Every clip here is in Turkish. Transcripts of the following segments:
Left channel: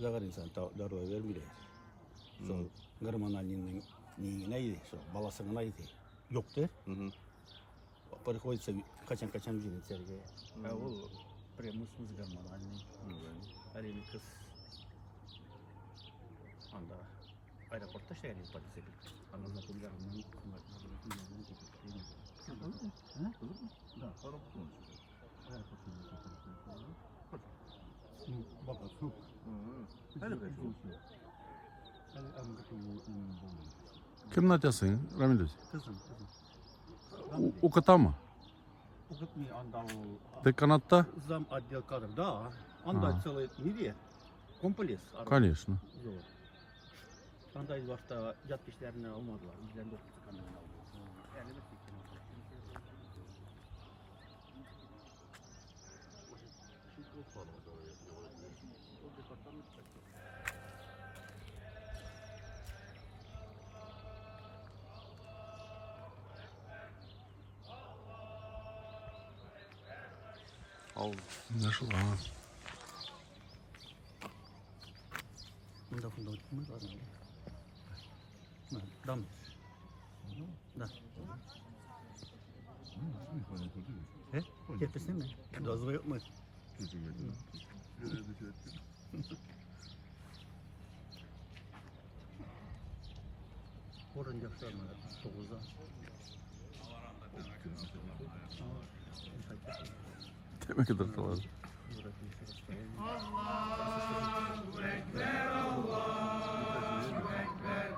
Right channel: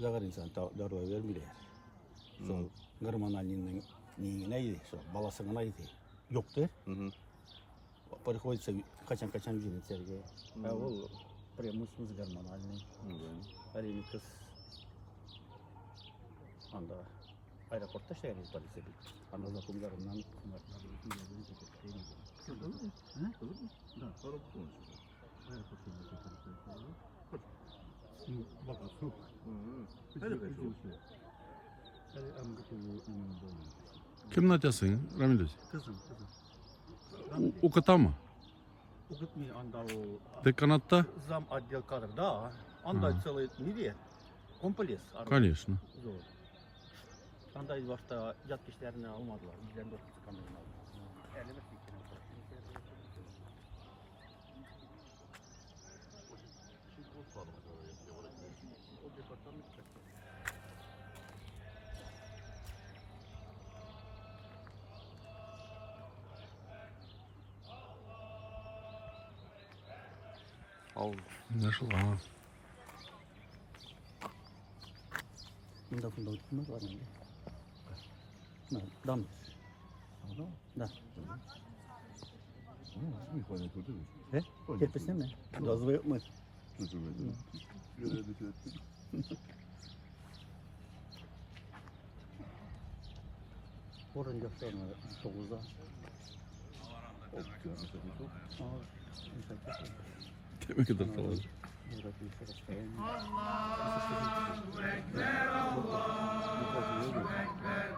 Zagar insan darıya vermiyor. So, Gırman Ali'nin neydi? So, balasının neydi? Yoktu. Para koysa kaçan ücret sergi. Ya o premusumuz Gırman Ali'nin. Ali'nin kız. Anda aeroportta şehirli polisi. Anda zaten Gırman'dan kumarlar. Olur mu? Da. Arap konuşuyor. Bak su. Kim atıyorsun Ramil Hoca? Kızım. Ukata mı? Okutmuyor anda o. Деканата? Зам отдел кадров, да. Анда целый неде. Комплекс. Конечно. Анда башта жат кишилерин алмадылар. Бизден бир Al. Nasıl ha? Bunda oturmaz var mı? Dam. Da. He? Tepesine mi? Gazı yok mu? Oradan yaptım. Soğuzda. Demek ki dırtalar. Allahu Ekber, Allahu Ekber,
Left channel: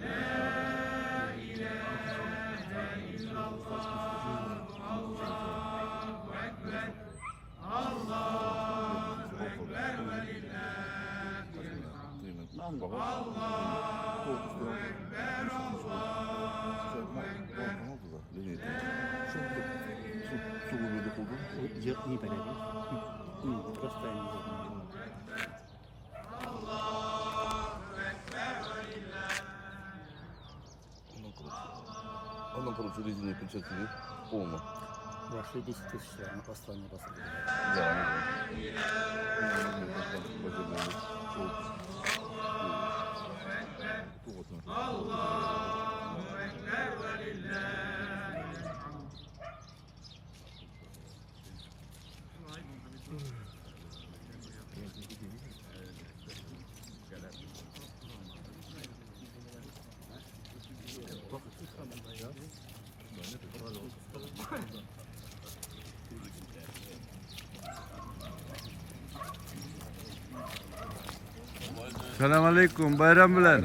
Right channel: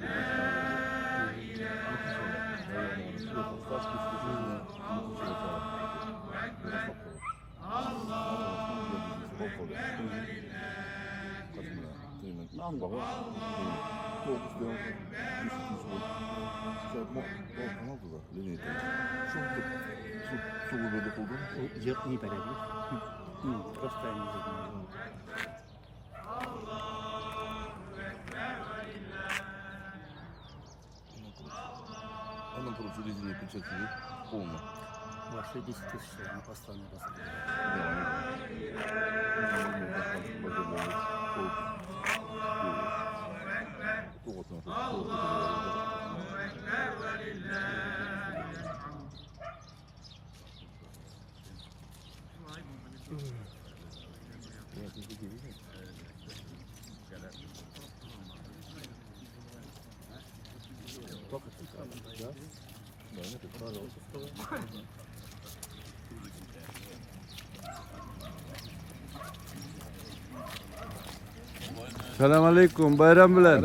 La ilahe illallah, Allahu Ekber, Allahu Ekber ve Не порядок. Просто не знаю. Ondan sonra резиновые перчатки полно. Вообще 10 тысяч на послание раз. Selamünaleyküm. Bayram bilen.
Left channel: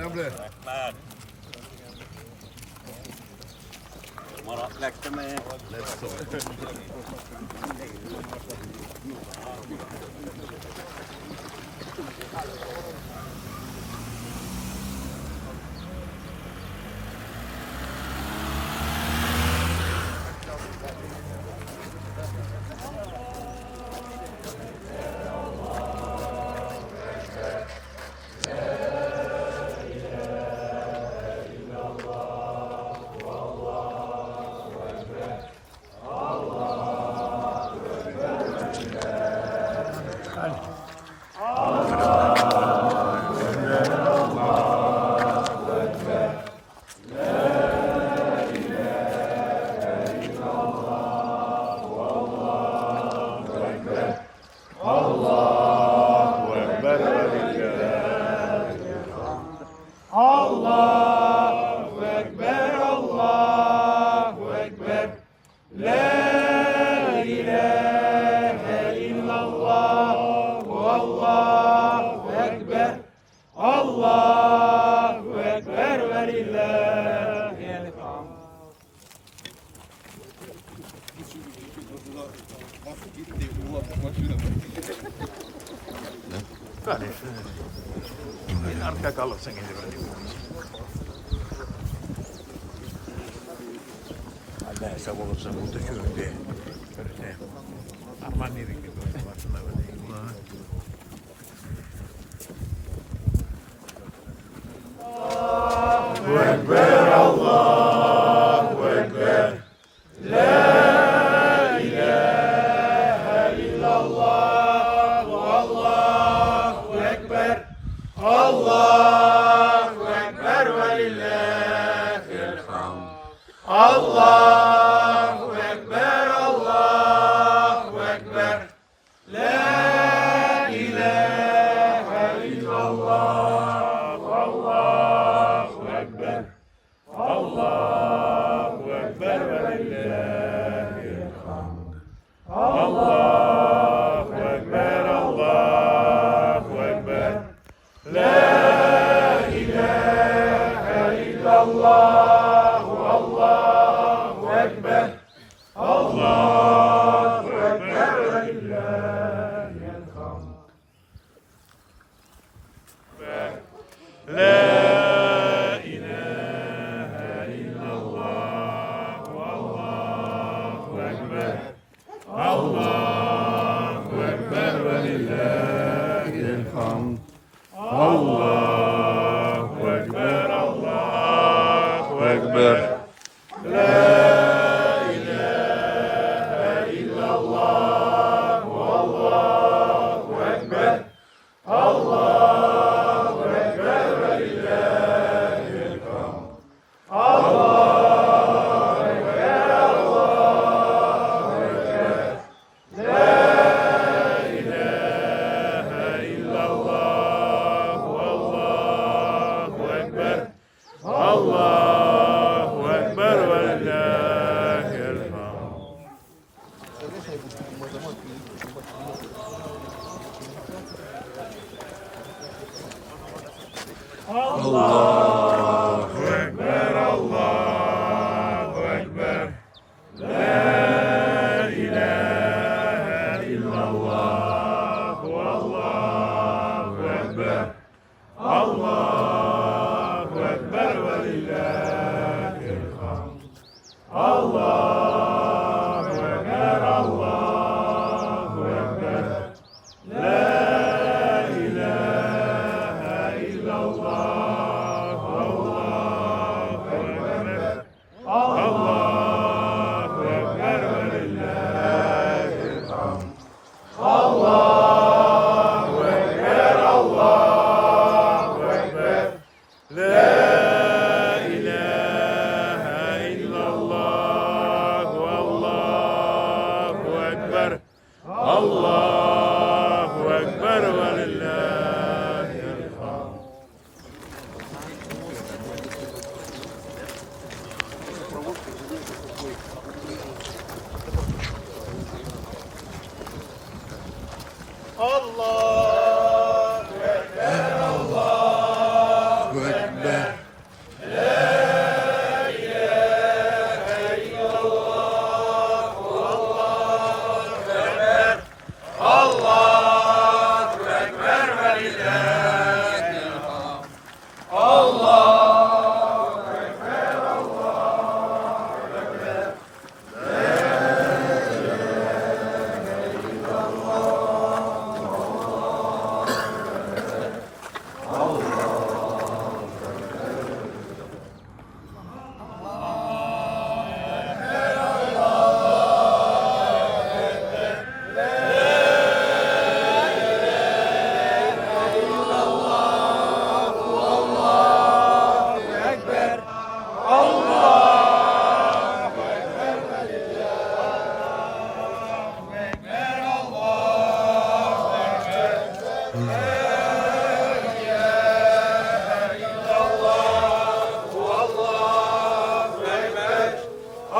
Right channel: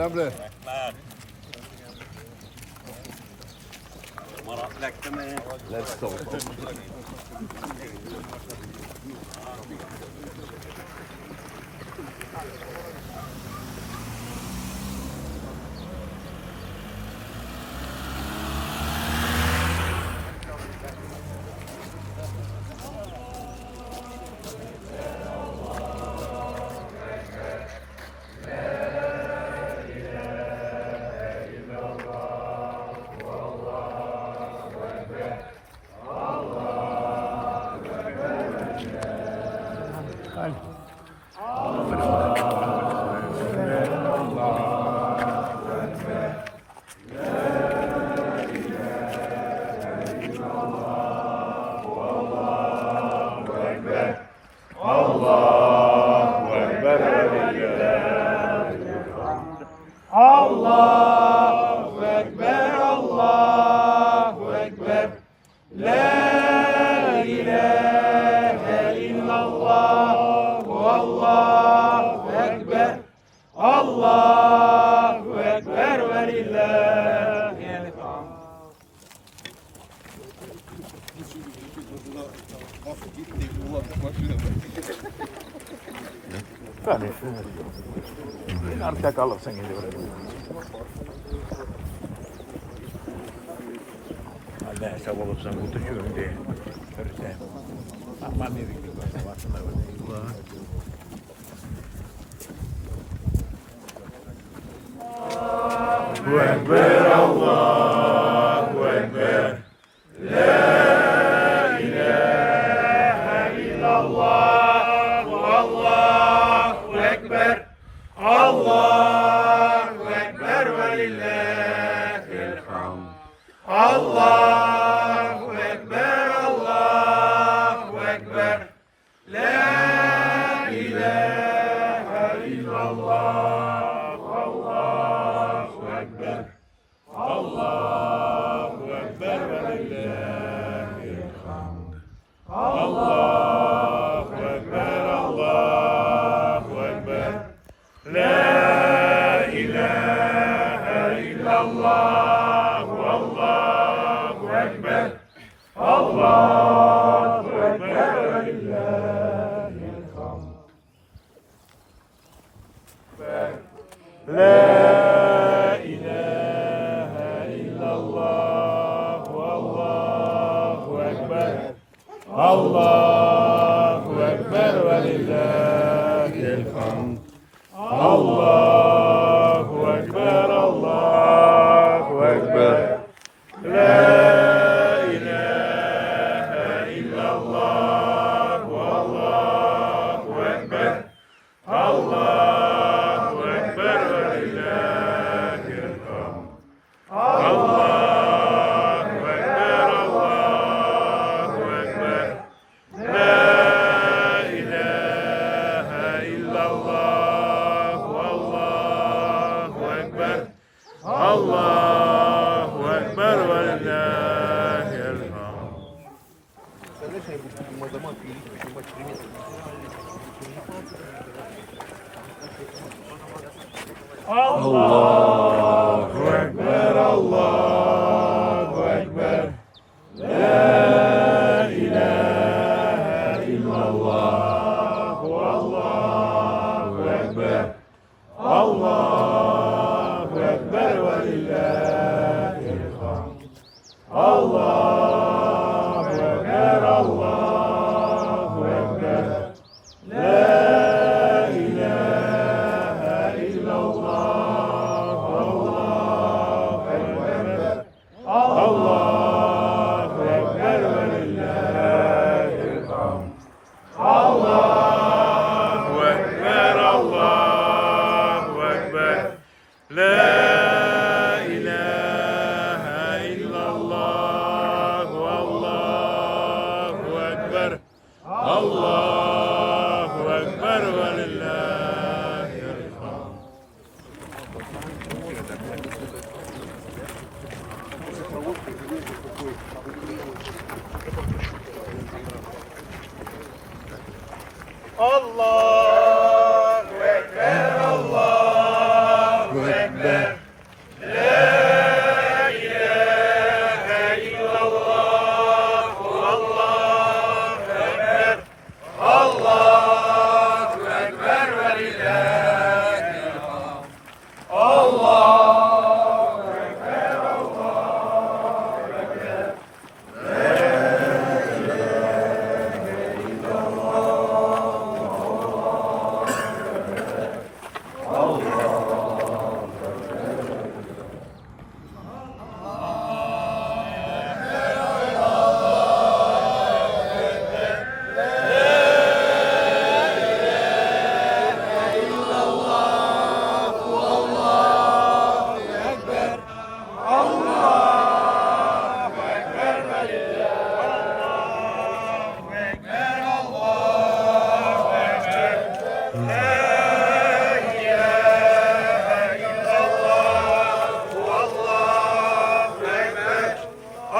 Allahu Ekber, Allahu Ekber, La ilahe illallah, Allahu Ekber, Allahu Ekber ve lillahil hamd. Arkaya kalırsın geliyor. Allah hesap olursan bu düşüyor diye. Görürse. Aman ne bileyim. Allahu Ekber, Allahu Ekber, La ilahe illallah, Allahu Ekber, Allahu Ekber, Allahu Ekber. La ilahe illallah. Allahu Ekber. Allahu Ekber ve lillahil hamd. Allahu Ekber, Allahu Ekber. La ilahe illallah. Allahu Ekber. Allahu Ekber ve lillahil hamd. La ilahe illallah. Allahu Ekber. Allahu Ekber ve lillahil hamd. Allahu Ekber, Allahu Ekber. La ilahe illallah. Allahu Ekber. Allahu Ekber ve lillahil hamd. Allahu Ekber, Allahu Ekber. La ilahe illallah. Allahu Ekber. Allahu Ekber ve lillahil hamd. Allahu Ekber, Allahu Ekber. La ilahe illallah. Allahu Ekber. Allahu Ekber ve lillahil hamd. Allahu Ekber, Allahu Ekber. La ilahe illallah. Allahu Ekber. Allahu Ekber ve lillahil hamd. Allahu Ekber, Allahu Ekber. La ilahe illallah. Allahu Ekber. Allahu Ekber ve lillahil hamd. Allahu Ekber, Allahu Ekber. La ilahe illallah. Allahu Ekber. Allahu Ekber ve lillahil hamd. Allahu Ekber, Allahu Ekber.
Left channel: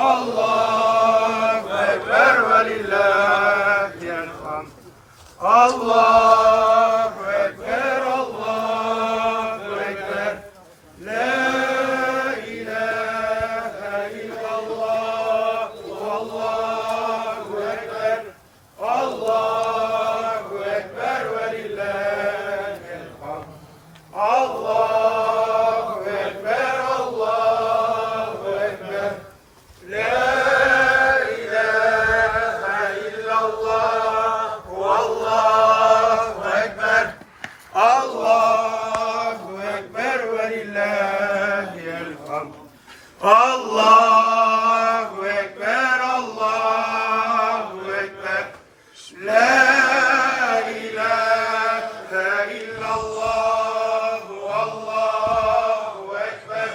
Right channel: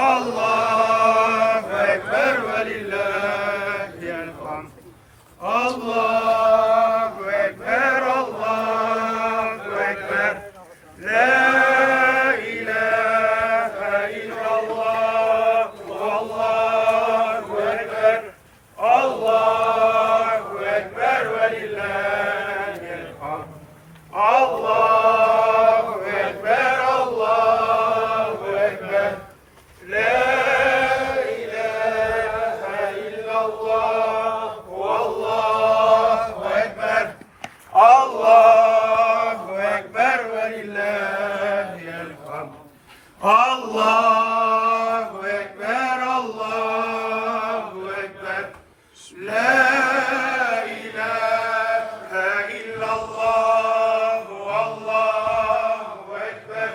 Allahu Ekber ve lillahil hamd. Allahu Ekber, Allahu Ekber. La ilahe illallah. Allahu Ekber. Allahu Ekber ve lillahil hamd. Allahu Ekber, Allahu Ekber. La ilahe illallah. Allahu Ekber. Allahu Ekber ve lillahil hamd. Allahu Ekber, Allahu Ekber. La ilahe illallah. Allahu Ekber.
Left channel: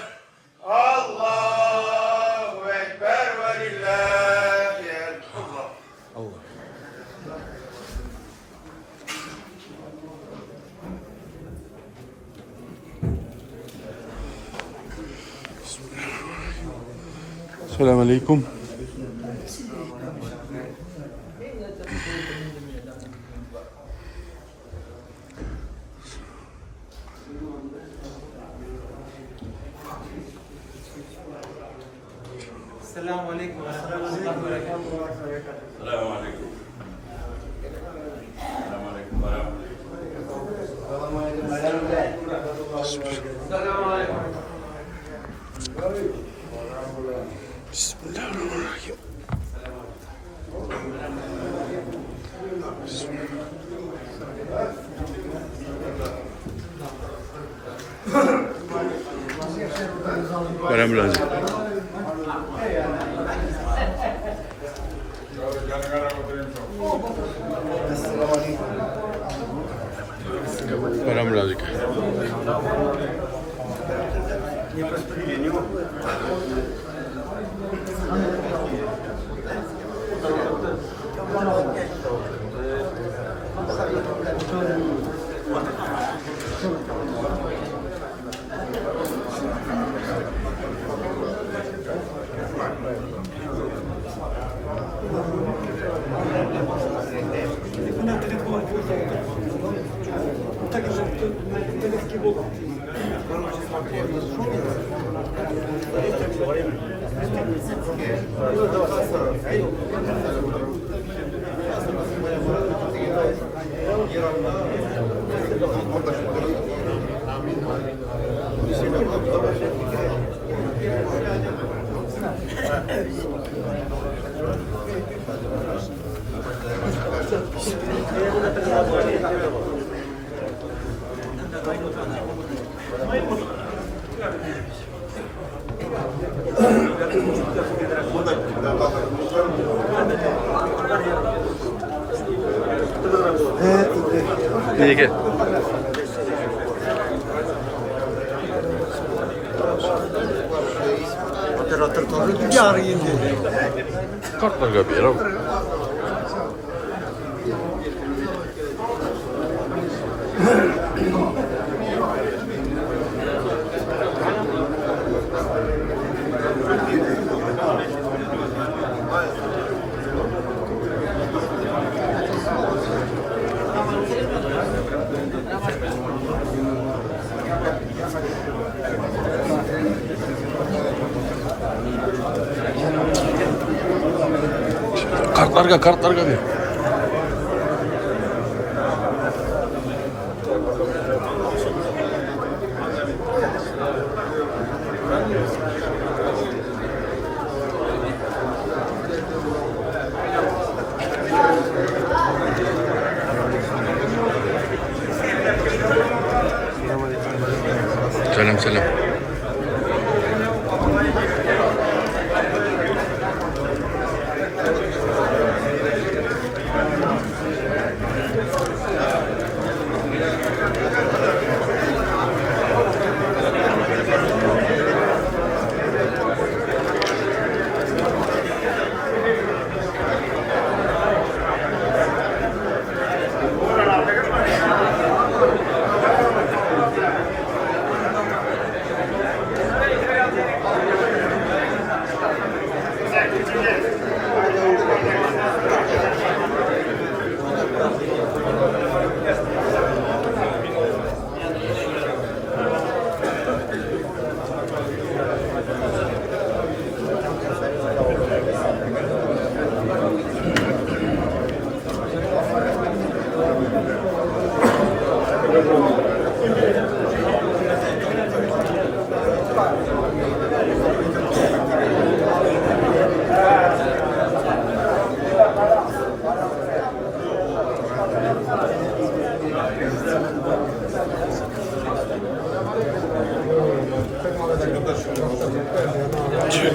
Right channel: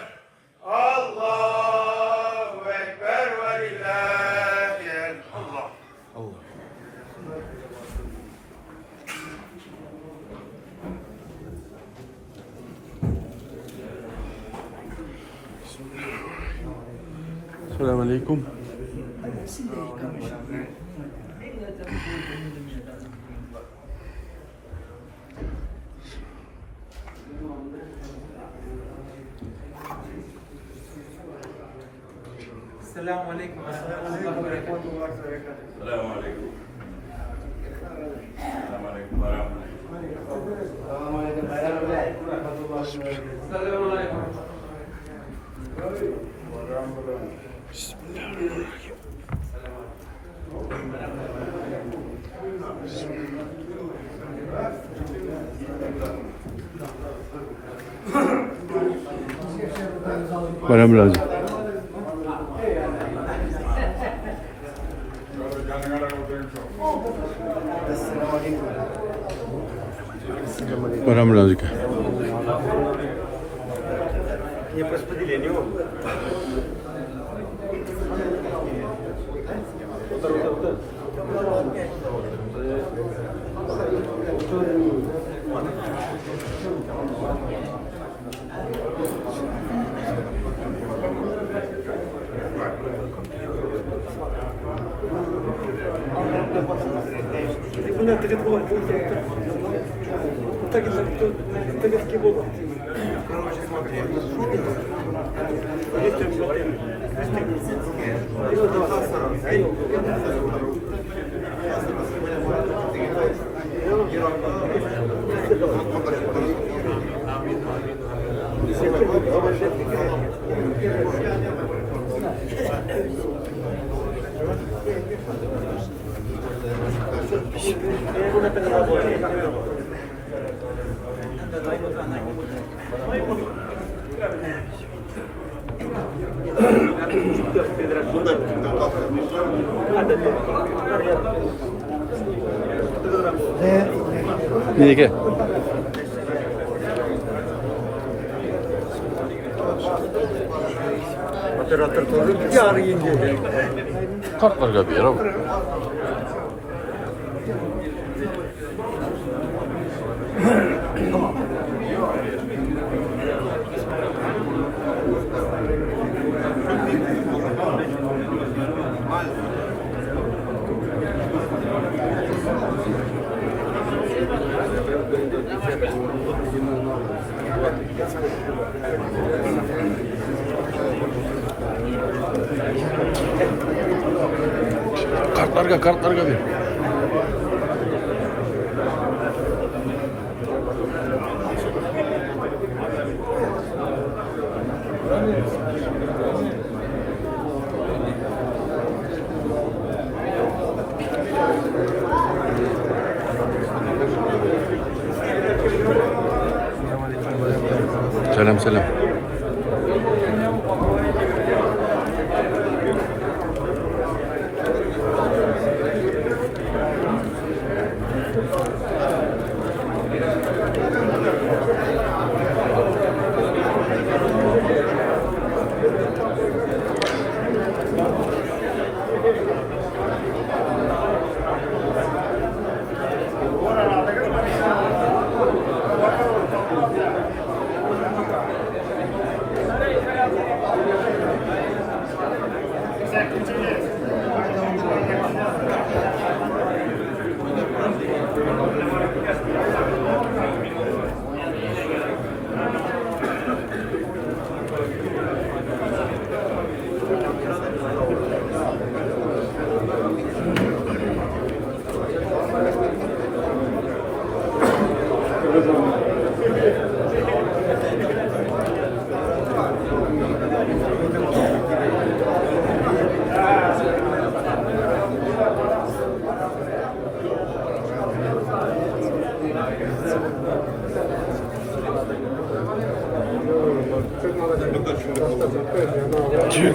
Allahu Selamünaleyküm. السلام عليكم ورحمة الله وبركاته. السلام عليكم. السلام عليكم ورحمة الله. Bayram lazım. Bayram lazım. İyi ki. Kartlar kapıyor abi. Kartlar kapıyor. Selam selam.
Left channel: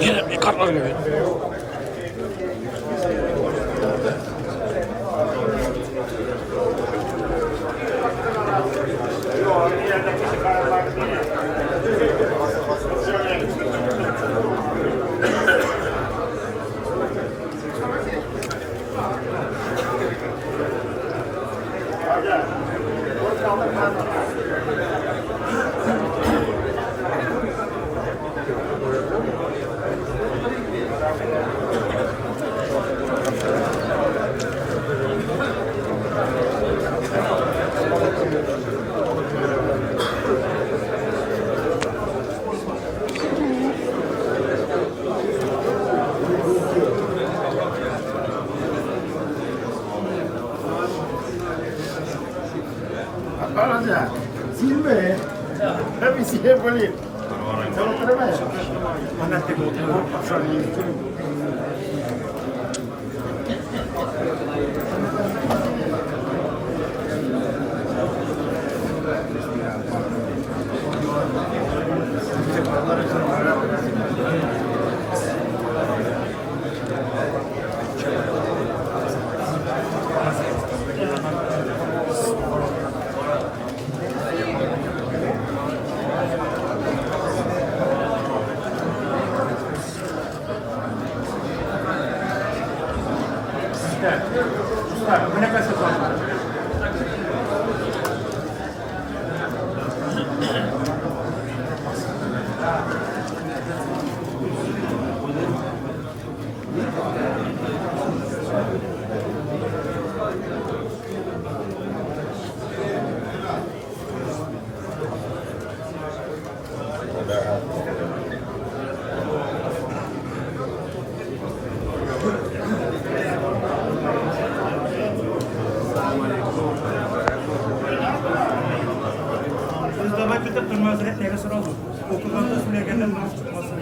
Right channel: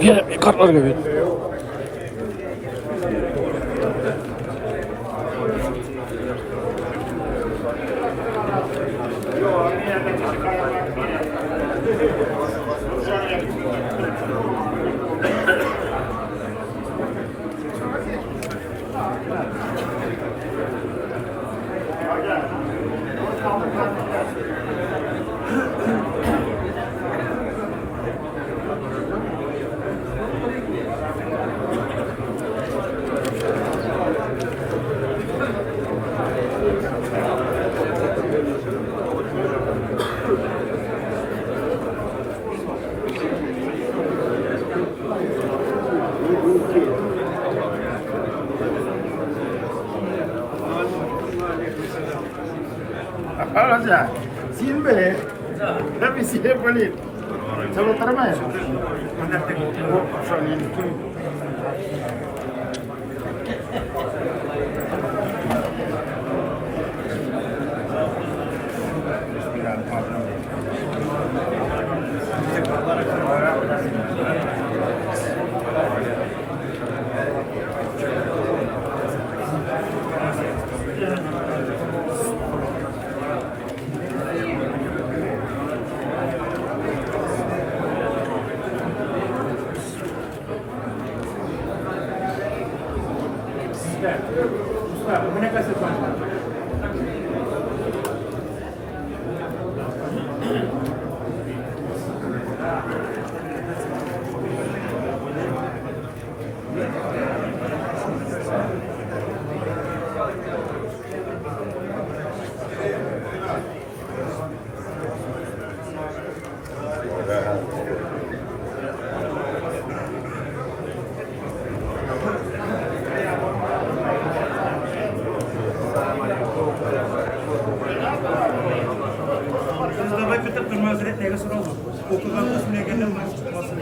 Yine kartlar kapıyor. Alaca. Silme. Tabii size boleh. Kalau terima ya. Mustafa Kütük durmasını neye soralım? Okuldan da şuraya gelen çıkmasını.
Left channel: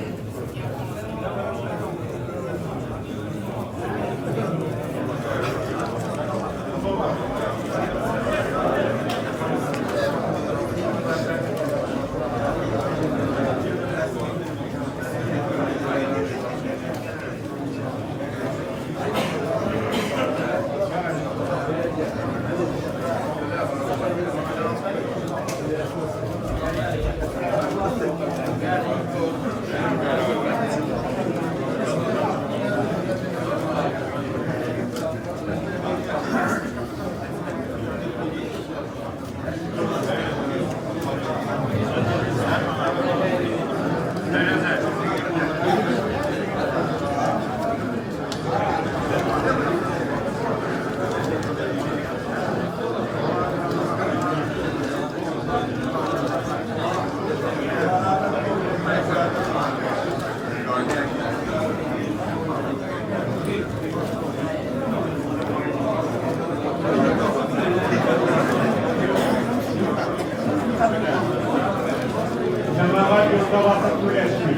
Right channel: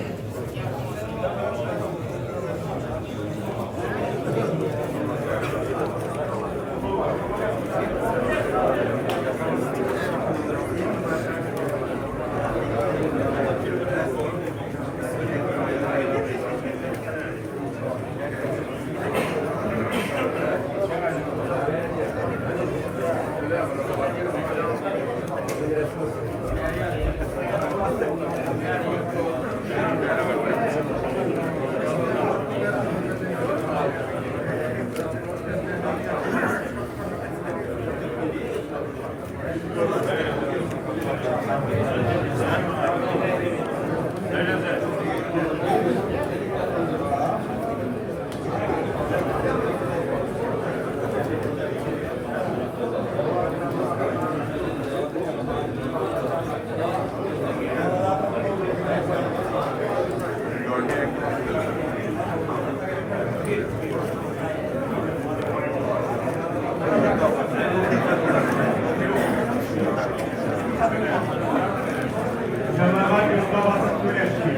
Cemaat Mustafa Süreçli.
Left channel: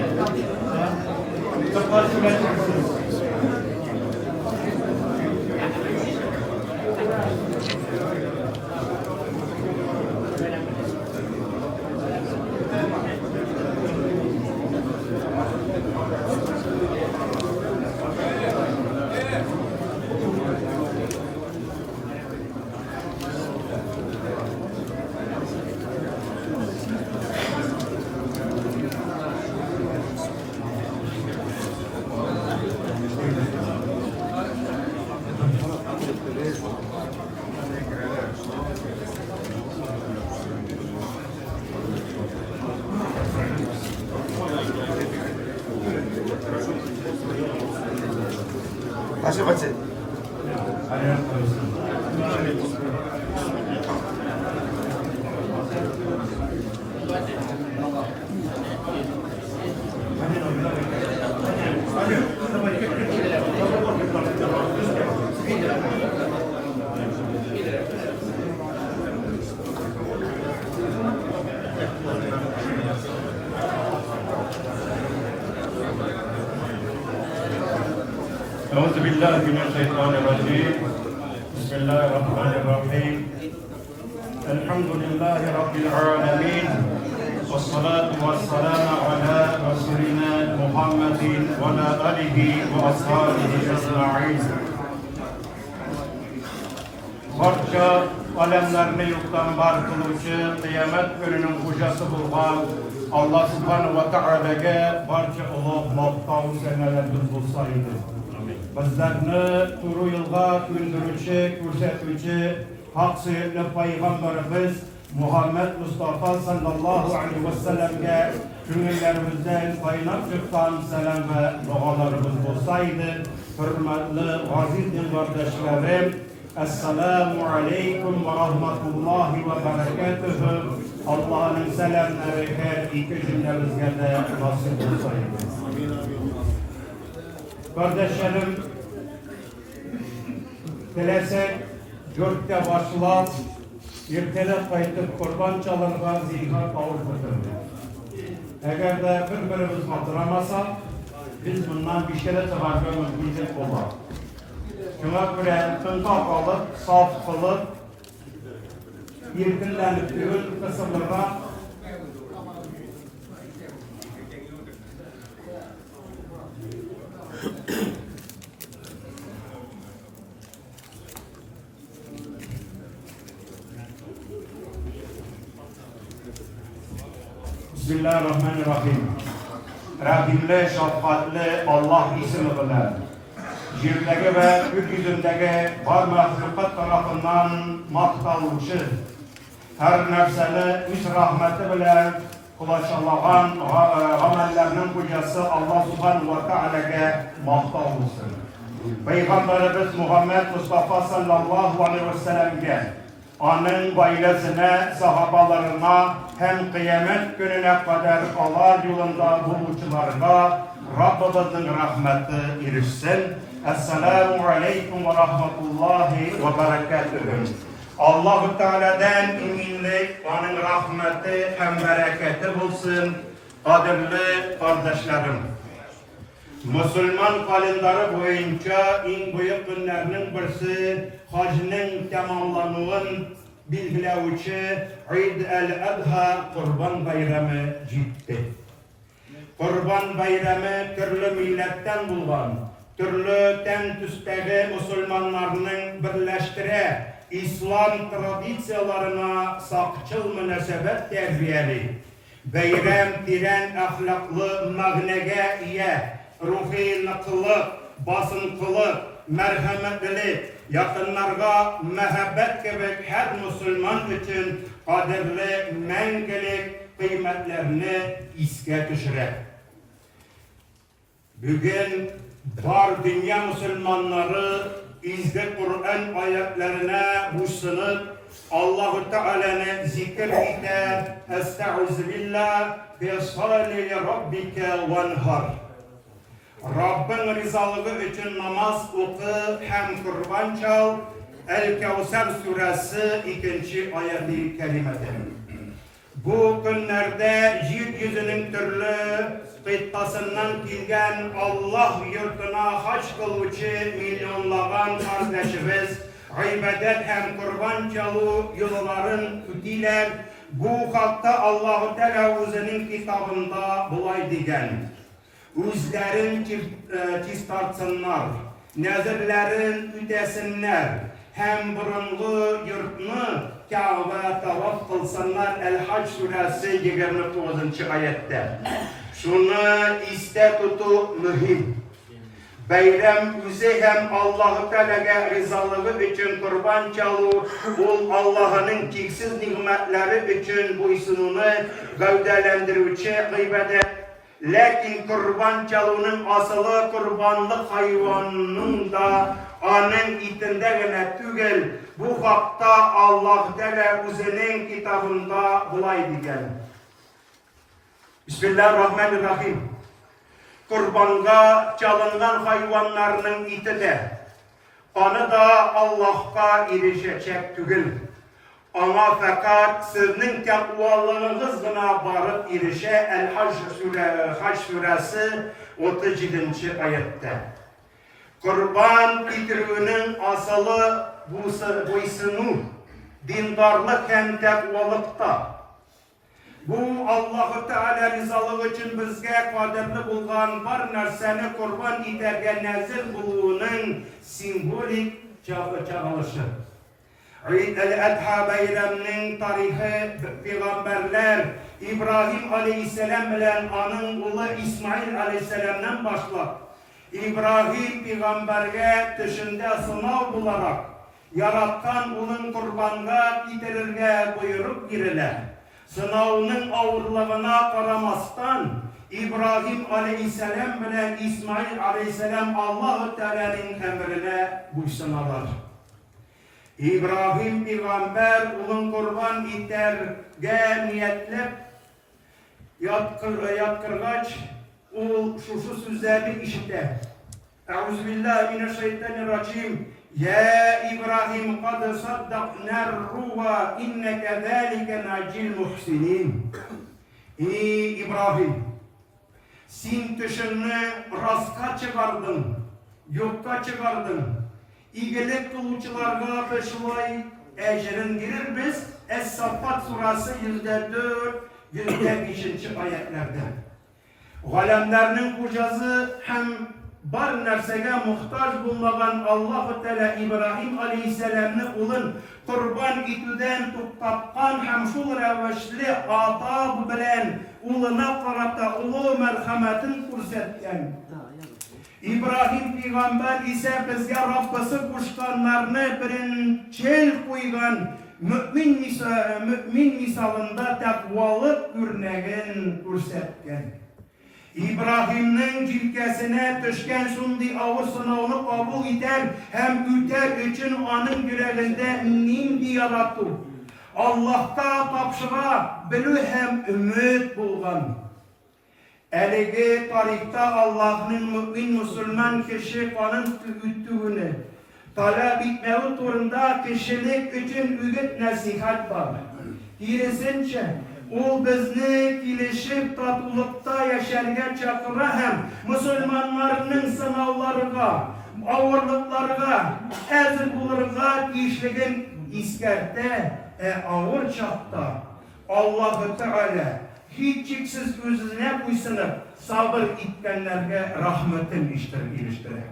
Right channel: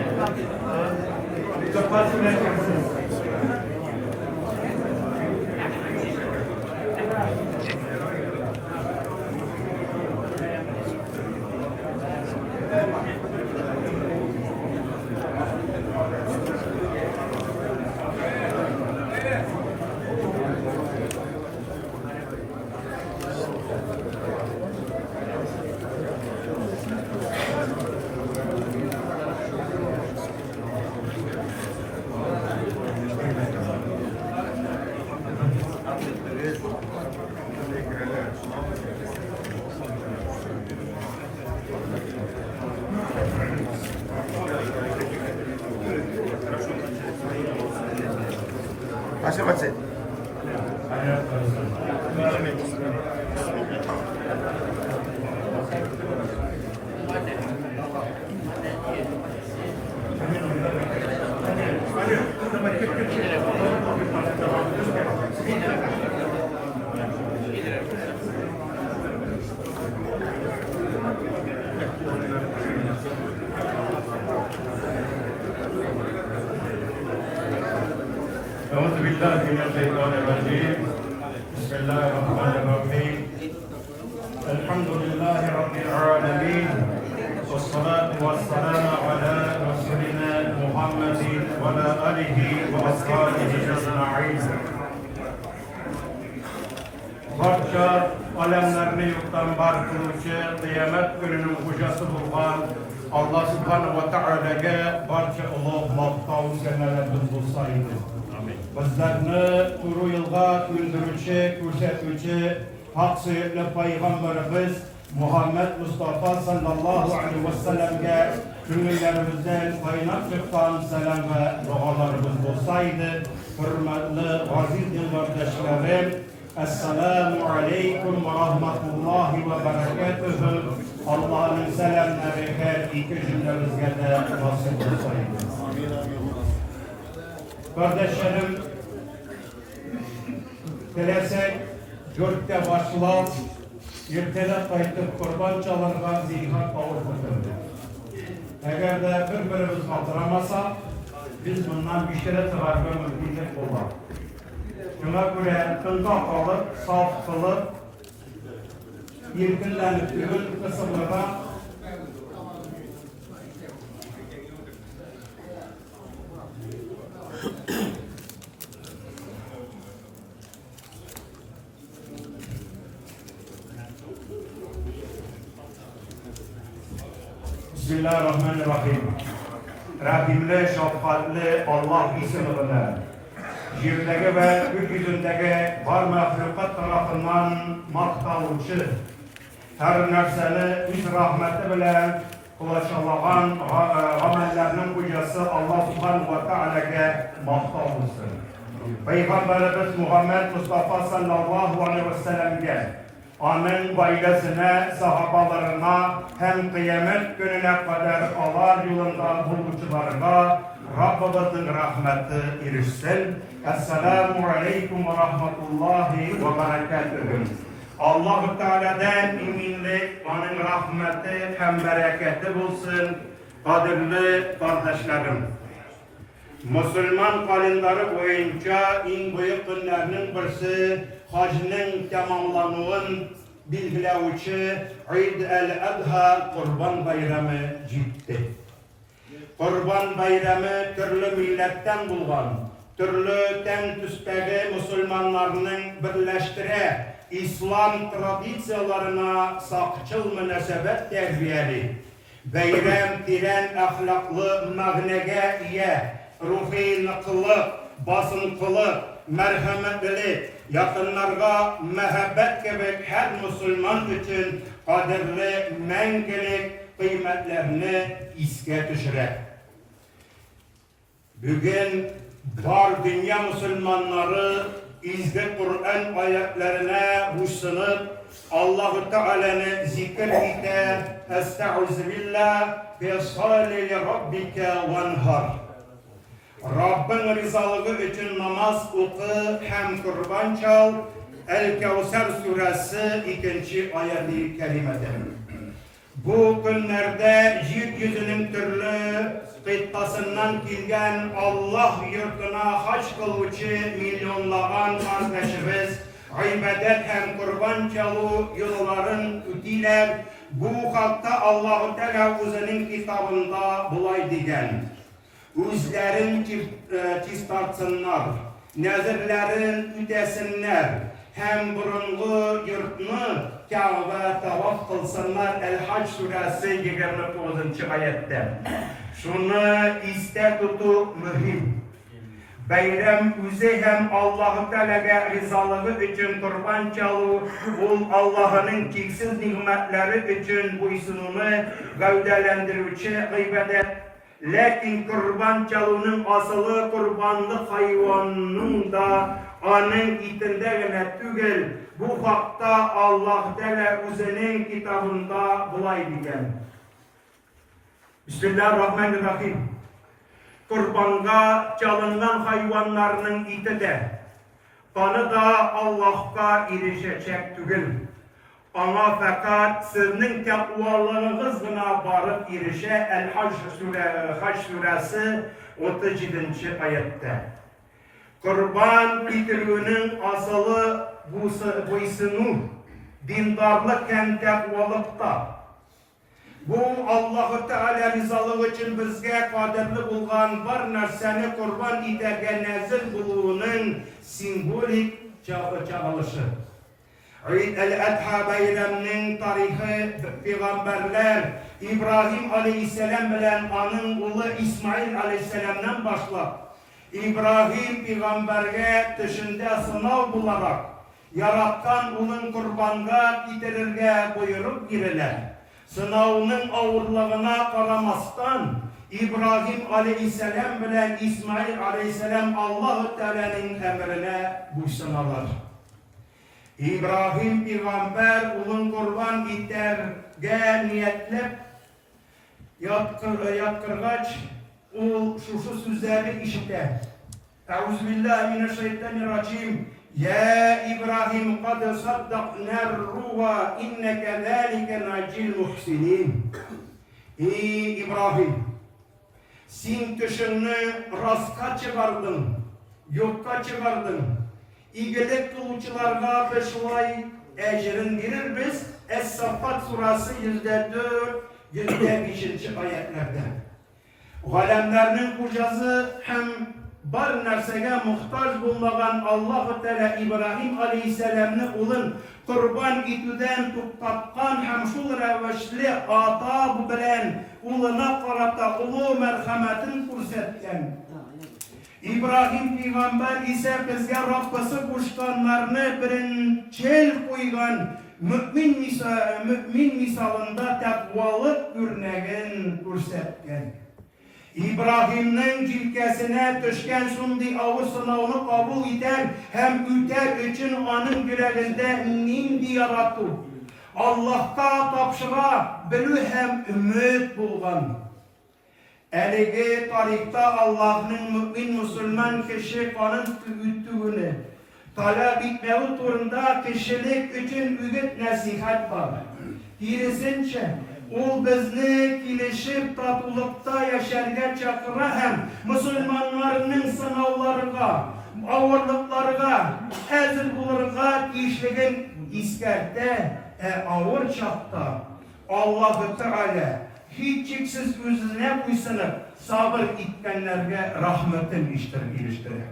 Mustafa Süreçli. Macam-macam. أعوذ بالله من الشيطان الرجيم بسم الله الرحمن الرحيم الحمد لله رب العالمين والصلاة والسلام على رسولنا محمد وعلى آله وأصحابه أجمعين. Barcha alemlerini yurttan var kıluvchi qiyomat kunining xo'jasi bo'lgan Alloh subhanahu va taolaga barcha ulug' maqtov sanalarimiz bo'lsa edi. Bizlarni turu yılga güldürücü, ko'rsatuvchi haq suyukli payg'ambarimiz Muhammed Mustafa sallallahu aleyhi ve sellem'ge ko'ngillerimizden qaynab chiqqan salam ve dualarımız bo'lsaydi, hurmatli aziz dindoshlarım, Esselamu aleyküm ve rahmetullahi ve berekatuhu. Allah'ın selamları her iki cümlemizge de nasip olsaydı. Kardeşlerim, dilesek dörtte başlar, ertelep kaytıp kurban çalırga ziynat avurtturdu. Eğer de birbirimiz hatırlamasak, biz bundan bir şeyle tırarga mümkünlük olur. Şuna göre tında kalıp, saf kılıp, yirkinlenip düğün kısımlarına Bismillahirrahmanirrahim. Rahimli, şefkatli Allah ismiyle yerlere ve gökyüzündeki var mahlukat tarafından maktalmışı, her nefsini üç rahmeti bilen kulaçalanan amellerinin hocası Allah subhanahu ve teala'ya maktalmışsın. Peygamberimiz Muhammed Mustafa sallallahu aleyhi ve sellem'e, onun ailesine, sahabalarına, hem kıyamet gününe kadar Allah yolunda buluşularına Rabbimizin rahmeti erişsin. Esselamu aleyküm ve rahmetullahi ve berekatuhu. Allah-u Teala'dan eminlik, onun rahmeti hem bereketi bulsun. Kadirli kardeşlerim, Müslüman kalenderi boyunca en büyük günlerinin birisi hacının tamamlanığın bilgileyici Eid el-Adha Kurban Bayramı ciddi. Kurban Bayramı türlü milletten bulgan, türlü ten tüstegi Müslümanlarının birleştire İslam tradisiyalarına sakçıl münasebet terbiyeli. Bayram tiren ahlaklı magnege iye, ruhi nakıllık, basınkılık, merhametlilik, yakınlarga mehabbet gibi her Müslüman için kadirli, mengelik kıymetlerini iske düşürür. Bugün var dünya Müslümanları izde Kur'an ayetlerine husnıp Allah-u Teala'nı zikir ite, estağfirullah ve salli li rabbike venhar. Rabbin rızalığı için namaz oku hem kurban çal. El-Kevser suresi 2. ayeti kerimede. Bu günlerde yeryüzünün türlü kıttasından gelgen Allah yurtuna haç kılıcı milyonlagan kardeşimiz ibadet hem kurban çalı yolların ödüler. Bu hakta Allah-u Teala özünün kitabında bulay degen. Özlerin çistartsınlar, nezirlerin ödesinler, hem burunlu yurtunu Kabe tavaf kılsınlar. El-Hac suresi 29. ayette. Şunu iste tutu mühim. Bayram özü hem Allah-u Teala'ya rızalığı için kurban çalı, ol Allah'ın çeksiz nimetleri için buysununu gövdelendirici ibadet. Lakin kurban çalının asılı kurbanlık hayvanının da onun itinde gene tügel. Bu hakta Allah Teala özünün kitabında bulay diyen. Bismillahirrahmanirrahim. Kurbanğa çalınan hayvanlarının iti de kanı da Allah'a erişecek tügel. Ama fakat sizin takvalığınız gına barıp erişe El-Hac suresi 37. ayette. Kurban bitirinin asılı buysunu dindarlık hem takvalıkta. Bu Allah-u Teala rızalığı için bizge kadirli bulgan var narsani kurban iterge nazil buluğunun simbolik çağılışı. Eid el-Adha bayramının tarihi peygamberler İbrahim aleyhisselam bilen onun oğlu İsmail aleyhisselamdan başlap İbrahim peygamberge dışında sınav bularak yarattan onun kurbanına getirirge buyurup giriler. Sınavının ağırlığına karamastan İbrahim aleyhisselam bilen İsmail aleyhisselam Allah-u Teala'nın emrine buysunalar. İbrahim peygamber onun kurban iterge niyetlep yatkırgaç o şu sözleri işitte. Euzubillahimineşşeytanirracim. Ya İbrahim kad saddaqnar ruha inneke zâlike nacil muhsinin. Ey İbrahim, sen kişini rastga çıkardın, yokka çıkardın. İyilik kılıçlarga peşlay ecrin verir biz. Es-Saffat surası 104-105. ayetlerde. Galemlerinin hocası hem bar nersege muhtaç bulmagan Allah-u Teala İbrahim Aleyhisselam'ını ulun kurban itüden tuttapkan hem şul reveşli atab bilen uluna karata ulu merhametin kursetken. İbrahim Peygamber ise bizge Rabbisi kuşkanlarını birinçel koygan mümin misalında takvalık örneğin kursetken. İbrahim'nin cilkesine düşken şundi ağır sınavını kabul eder hem üter için onun yüreğinde nindi yarattı. Allah'ta tapşıra bilü hem ümit bulgan. Elege tarihta Allah'ın mümin Müslüman kişi kanın tüvüttüğünü talep etmeyi turunda kişilik için ügüt nasihat var. Hirisince o bizni kilişip tatulukta yaşarga çakıra hem Müslümanların sınavlarına, ağırlıklarına, ezil bulurga işligin iskerte, ağır çapta Allah-u Teala hiççiksiz özüne kuysanıp sabır etkenlerge rahmetin iliştirir.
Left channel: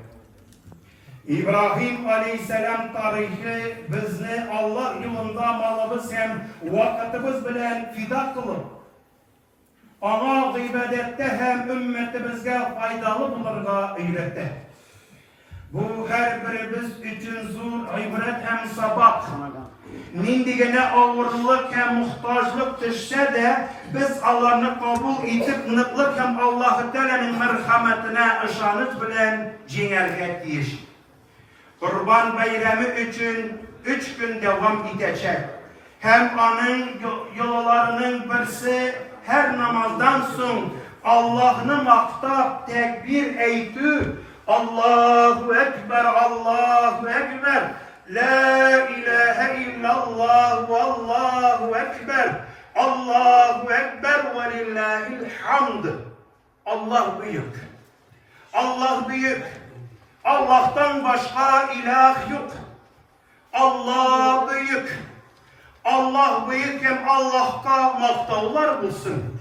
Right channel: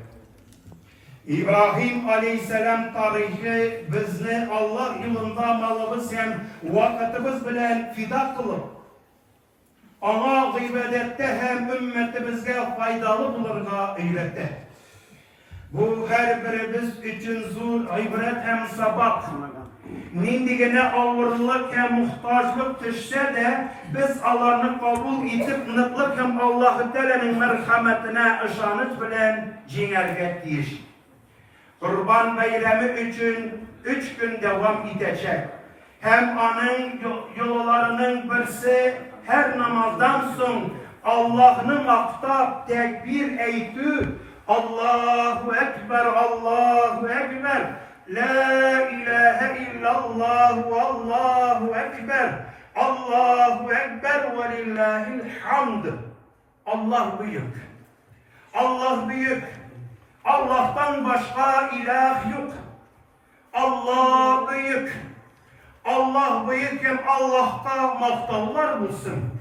İbrahim Aleyhisselam tarihi bizni Allah yolunda malımız hem vakitimiz bilen fida kılıp ona gıybedette hem ümmetimizge faydalı bulurga eyletti. Bu her birimiz için zor ibret hem sabah. Nindigene ağırlık hem muhtaçlık düşse de biz Allah'ını kabul edip nıklık hem Allah-u Teala'nın merhametine ışanıt bilen ciğerge diyiş. Kurban bayramı için 3 gün devam edecek. Hem onun yollarının birisi her namazdan sonra Allah'ını maktap tekbir eytü. Allahu Ekber, Allahu Ekber. La ilahe illallah ve Allahu Ekber. Allahu Ekber ve lillahil hamd. Allah büyük. Allah büyük. Allah'tan başka ilah yok. Allah büyük. Allah büyük hem Allah'ta maktavlar bulsun.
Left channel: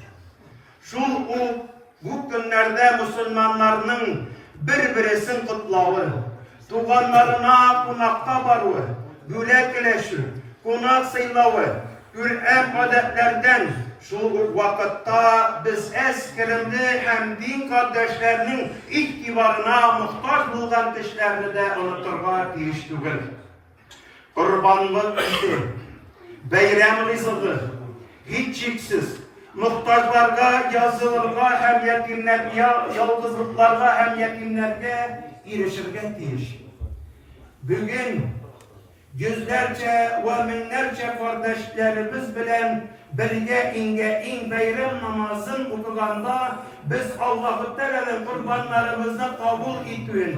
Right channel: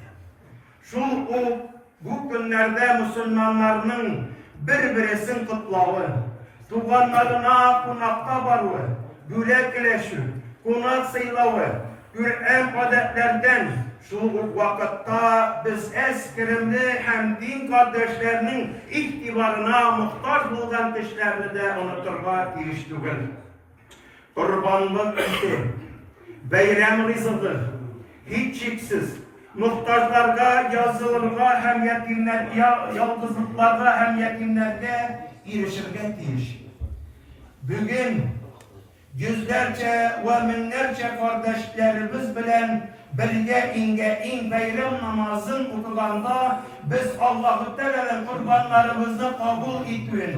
Bu günlerde Müslümanların birbirisini kutlağı, tuğanlarına konakta barı, güle kileşi, konak sayılağı, Kur'an adetlerden şu vakitte biz eskirimli hem din kardeşlerinin ihtibarına muhtaç bulgan kişilerini de unuturga değiştirir. Kurbanlık ise bayram rızığı hiççiksiz muhtaçlarga yazılırga hem yetimler yalnızlıklarga hem yetimlerge erişirge değiş. Bugün yüzlerce ve binlerce kardeşlerimiz bilen birge in bayram namazın okuganda biz Allah-u Teala'nın kurbanlarımızı kabul ettiğin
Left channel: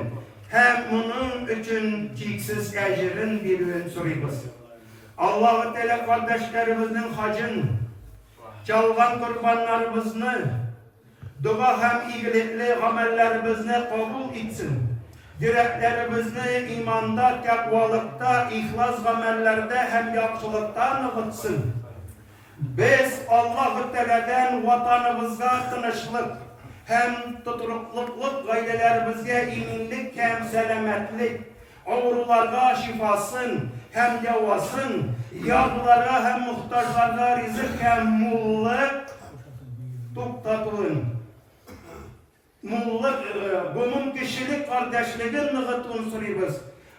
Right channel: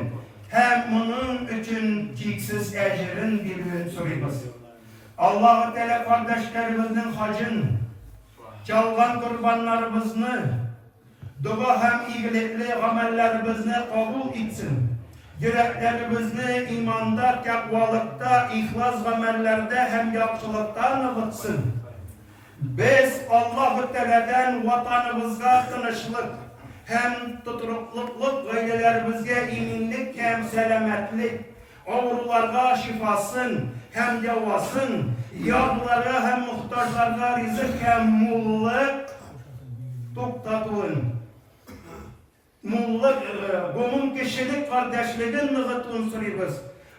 hem bunun için çeksiz ecrin birbirini soruyoruz. Allah-u Teala kardeşlerimizin hacın çalgan kurbanlarımızı dua hem iyilikli amellerimizi kabul etsin. Yüreklerimizni imanda, takvalıkta, ihlas amellerde hem yakşılıkta nıvıtsın. Biz Allah-u Teala'dan vatanımızga tınışlık hem tuturukluk gayrelerimizge eminlik hem selametlik, ağrılarga şifasın hem devasın, yağlara hem muhtaçlarga rizık hem mulluk tuktatın. Mulluk, bunun kişilik kardeşliğin nıgıt unsuruyuz.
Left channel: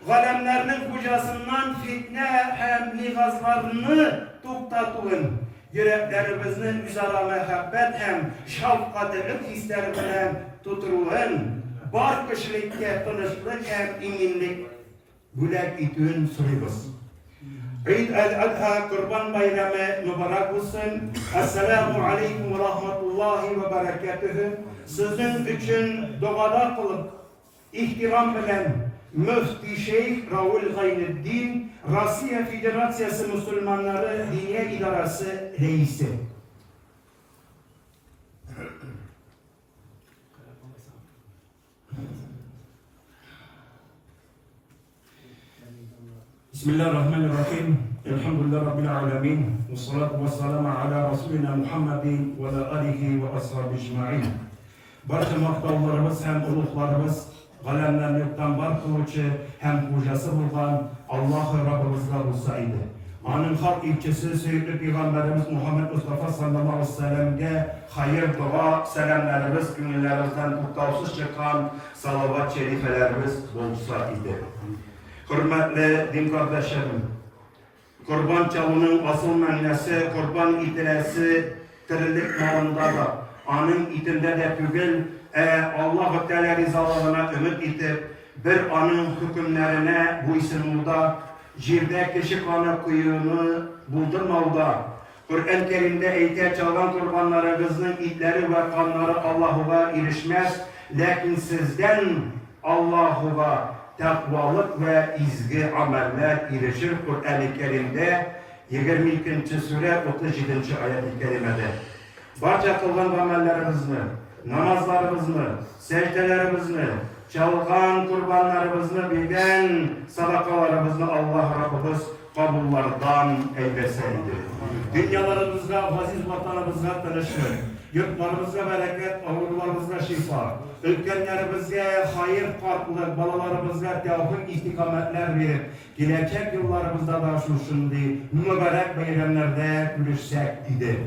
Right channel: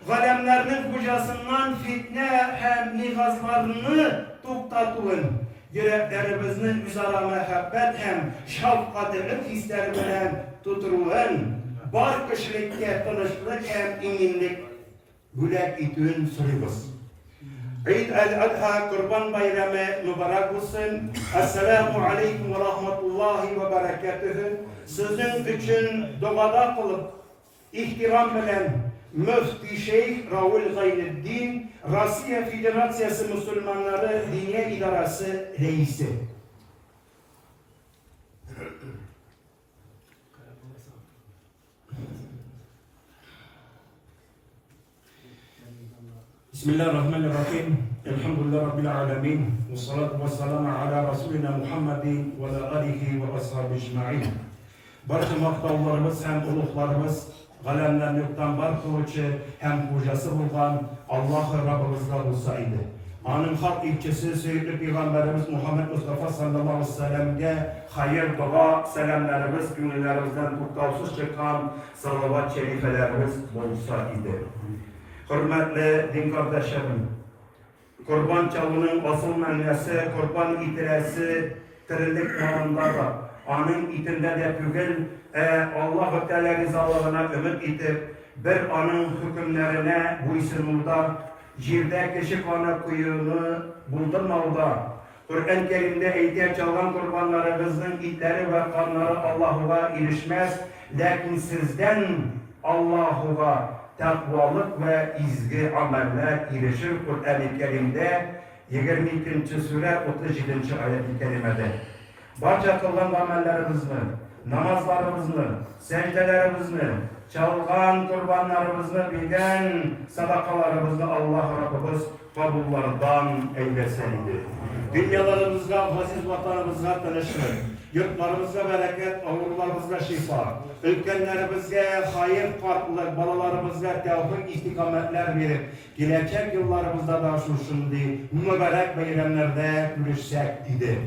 Galemlerinin hocasından fitne hem nihazlarını tuktatın. Yüreklerimizin üzere mehabbet hem şafkatlık hislerinden tuturun. Bar kişilikte tanışlık hem eminlik gülek itün suruyuz. Eid al-Adha Kurban Bayramı mübarek olsun. Esselamu Aleyküm ve Rahmetullahi ve Berekatuhu. Sizin için duada kılıp, ihtiram bilen, Müftü Şeyh Raul Gayneddin, Rusya Federasyası Müslümanları Diniye İdarası Reisi. Bismillahirrahmanirrahim. Elhamdülillah Rabbil alemin. Ve salatu ve selamu ala Resulina Muhammedin ve ala alihi ve ashabi ecma'in. Barcha maqtovlarimiz hem ulug'larimiz, qalamlarni yo'qdan bar qiluvchi hem xo'jasi bo'lgan Alloh Rabbimizga bo'lsa edi. Onun halk ilçesi Seyyidli Peygamberimiz Muhammed Mustafa sallallahu aleyhi ve sellem'e hayır, dua, selamlarımız, günlerimizden tuttavsız çıkan salavat şerifelerimiz olsa idi. Hürmetli din kardeşlerim, kurban çalının asıl mənası, kurban itiresi, tirilik malında da, anın itinde de tügül, Allah-u Teala rızalığına ümit itip, bir anın hükümlerine bu isimulda, jirde kişi kanı kuyunu buldurmauda, Kur'an-ı Kerim'de eğitim çalan kurbanlarımızın itleri ve kanları Allah'a erişmez, lakin sizden Allah'a takvalık ve izgi ameller erişir. Kur'an-ı Kerim'de 22. sure 37. ayet-i kerimede. Barca kılgan amellerimizni, namazlarımızı, secdelerimizni, çalgan kurbanlarımızı, bilgen sadakalarımızı Allah Rabbimiz kabullardan eyleseydi. Dünyalarımızda, aziz vatanımızda tanışır, yurtlarımızda bereket, avrularımızda şifa, ülkenlerimizde hayır, farklılık, balalarımızda tevfik istikametler verip, gelecek yıllarımızda da şimdi mübarek bayramlarda görüşsek idi.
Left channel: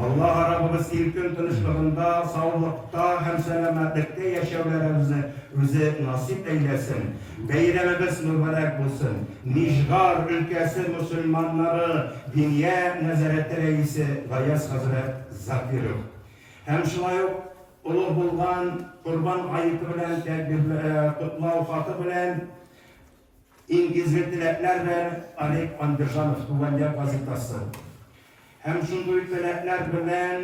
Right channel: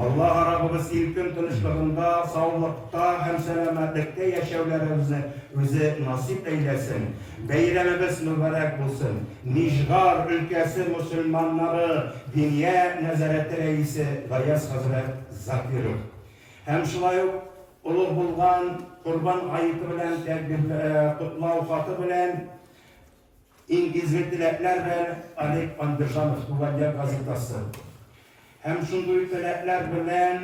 Allah Rabbimiz ilkin tanışlığında, sağlıkta, hem selametlikte yaşamlarımızı bize nasip eylesin. Bayramımız mübarek olsun. Nijgar ülkesi Müslümanları Diniye Nezareti Reisi Gayas Hazret Zakirov. Hem şulayıp uluq bulgan kurban ayıtı bilen, kutlav hatı bilen İngizli tilekler ve Alek Andırjanov Tuvalia gazetası. Hem şunduy tilekler bilen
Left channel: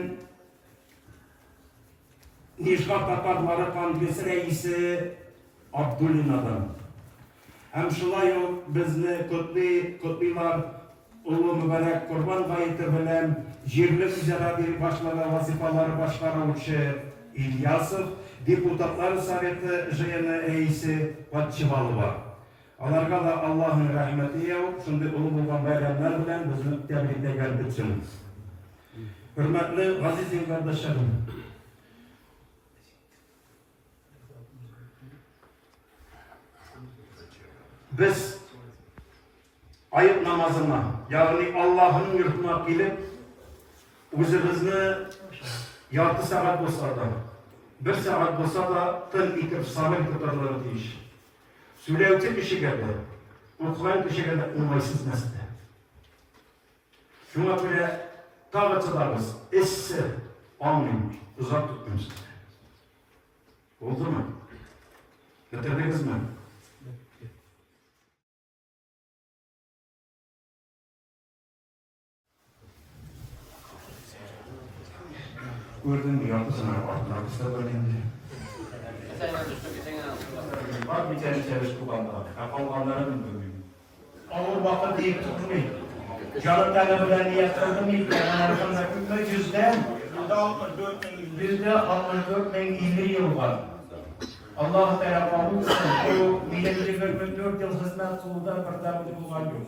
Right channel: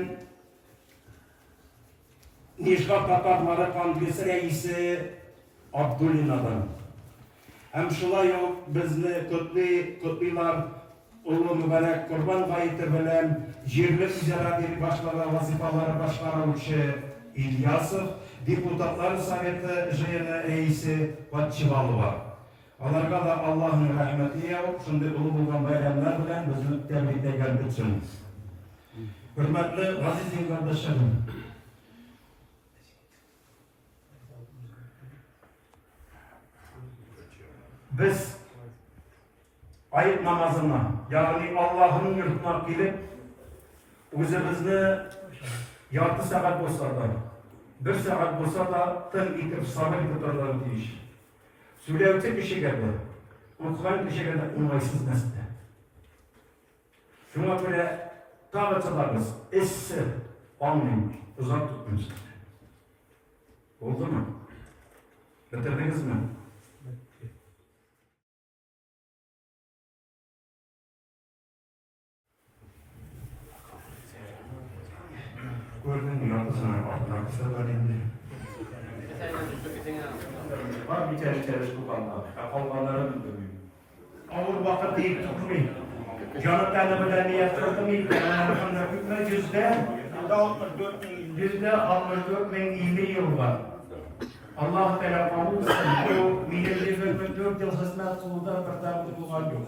Nijgar Tatarları Kongresi Reisi Abdüllina'dan. Hem şulayıp bizni kutlaylar ulu mübarek kurban ayıtı bilen Jirlik üzere bir başlara vazifaları başkaravuşu İlyasov, Deputatlar Sovyeti Jayını Reisi Patçıvalova. Alarga da Allah'ın rahmeti yok. Şimdi ulu bulgan bayramlar bilen bizni tebrikte geldik. Hürmetli aziz kardeşlerim, biz ayıp namazına, yani Allah'ın yurtuna gelip özümüzni yartı saat olsa da, bir saat olsa da tın itip sabır tutarları deyiş. Söylevci kişi geldi, okuyan kişi geldi, umaysız mesele. Şuna göre tağıtılarımız, esse, anlayın, uzak tutmayın. Oldu mu? Bitirdiniz mi? Gördün mü yapısını? Arkasına böyle indi. Var bir tane kurbanlar. Allah'ların ağır vakit deyip tutmayın. Canı talebeler niyet kıldı mı? Arkamda hükme yüzde 64.020 yıl var. Allah-u Teala kabul etsin. Bu milletimiz 4 yıl hizmet kıldı, bir tarafı bulgan yok.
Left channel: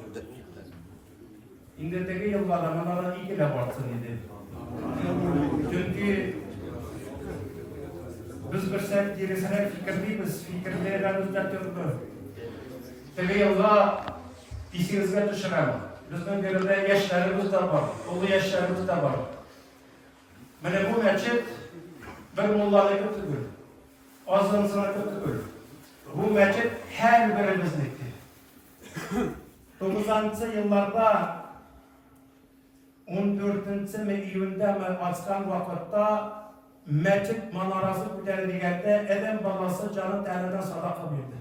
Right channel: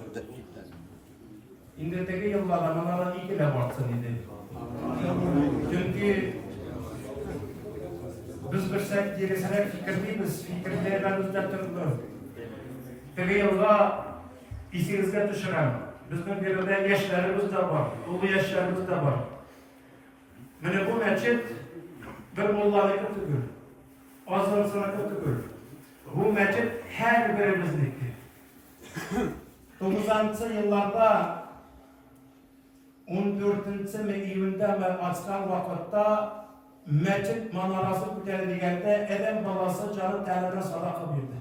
İndeteki yıllarda bana iyi ki de varsın idi. Çünkü biz bir sert gerisine fikirliyiz, fikirlerimizde türlü. Peki yılda işinizde düşüren, bizim birinde yaşlarımız da var, ulu yaşlarımız da var. Mene bu mescid bir mollalık tügül, azın sınıfı tügül. Bu mescid her birimizliktir. 90'lı yıllarda 14. iyunda açkan vakitte mescid manarası ko'tarilganda edem balası canı tanidan sadaka verdi.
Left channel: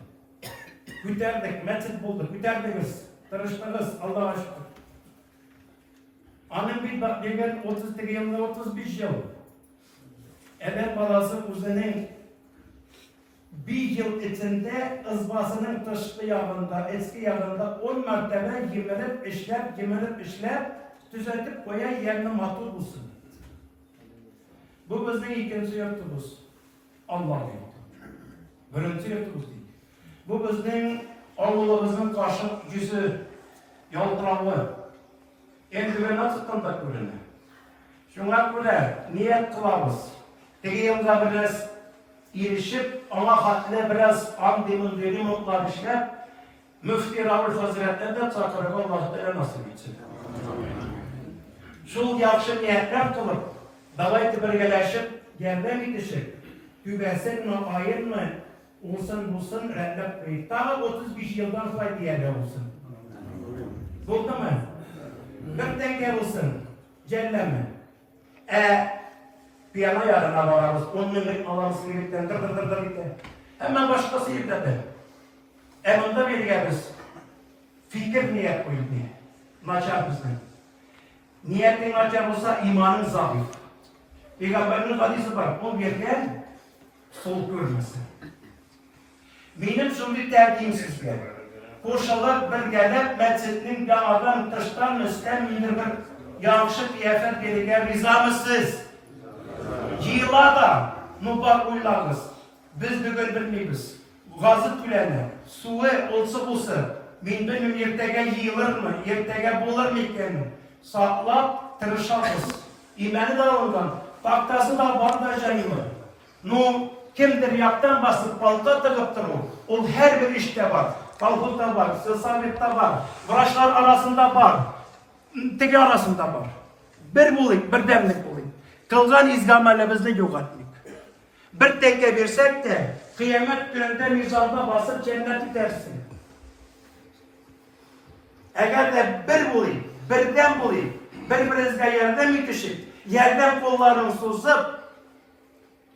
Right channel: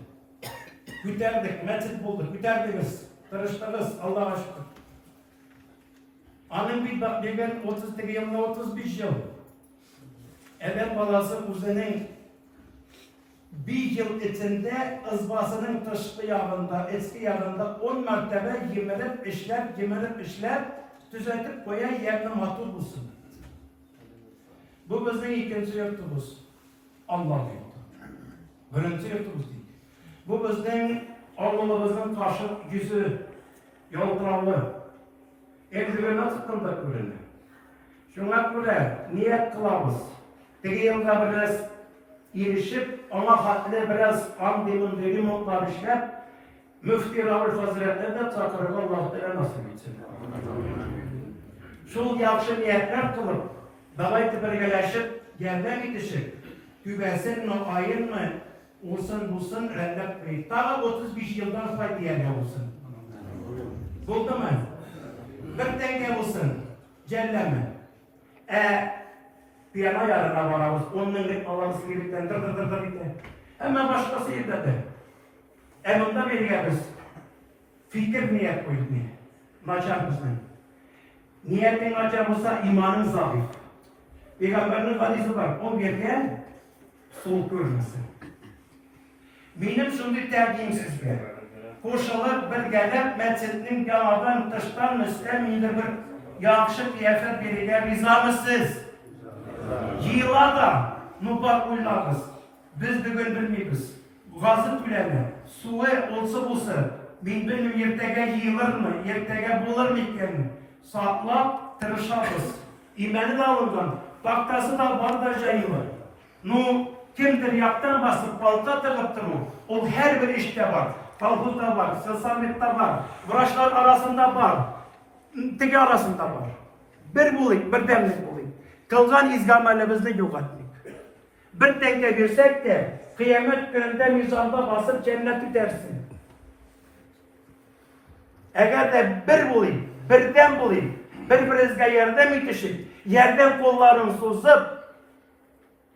Ko'tardik, mescid bulduk, ko'tardingiz, tirişdingiz, Allah'a şükür. Anın bir bak degan 30 yılda 35 yıl. Edem balası o'zining bir yıl içinde ızbasının dışkı yağında, eski yağında 10 mertebe yemelip işler, düzeltip koyan yerine mahtul bulsun. Bu bizim ikinci yurtumuz. Allah yurtu. Birinci yurtumuz değil. Bu bizim Allah'ımızın karşı yüzü, yolturalı. Eldiveni sıkıntı kurulu. Şuna göre niyet kılavuz. Tegi yılda biraz erişip Allah hakkında biraz demin dediğim mutlar işler. Müftü Rabbül Hazretler'den çatırıp Allah'tan nasip etsin. Şu yaxşı niyetler kılıp, davaytı birgeleşip, yerden gidişip, tübesin mi, ayın mı, olsun bulsun, reddep koyup, daha 35 yıldan fayda yerler olsun. Buldu mu? Bir denge olsun, celleme. Piyana yarına varamız, 10 minlik alamız gibilikten, dır gitti. Hemen başkası yıkladı. Emunda bir yerimiz, fikir niyet koydu. Maçar bizden. Niyetin maçar olsa imanın zayıf. Peygamberin hadisi var, o yerden soğuk görmesin. Benim şimdi tercihim sizge. Koşalar bir gelir, mescidin yamadan, dıştan, üstten bir yakışık kıyafet verirken riza mısınız? Yılada mübarek uylarız. Biz bugün bilmeyiz. Gazı tülenler, suyu olsa, benim yertege yığılır mı, yertege bulur mu iken saklap, tırışarız. İmeni de alıngan, taktası da var da yayılır. Kimdir yaktan basıp balta tıkıptır o. O her bir işte var. Kalkutta var, Sırsamette var, Vraçlar arasında var, teki arasında var. Bir bulayım, bir demlik bulayım. Kılgan izgamelimizde yok etmek. Bir denge versek de kıyamet gününde mizanda basıp cenneti dersin. Eğer de bir bulayım, birden bulayım, birbirinizle yerden bitişip, yerden kollarını suzup,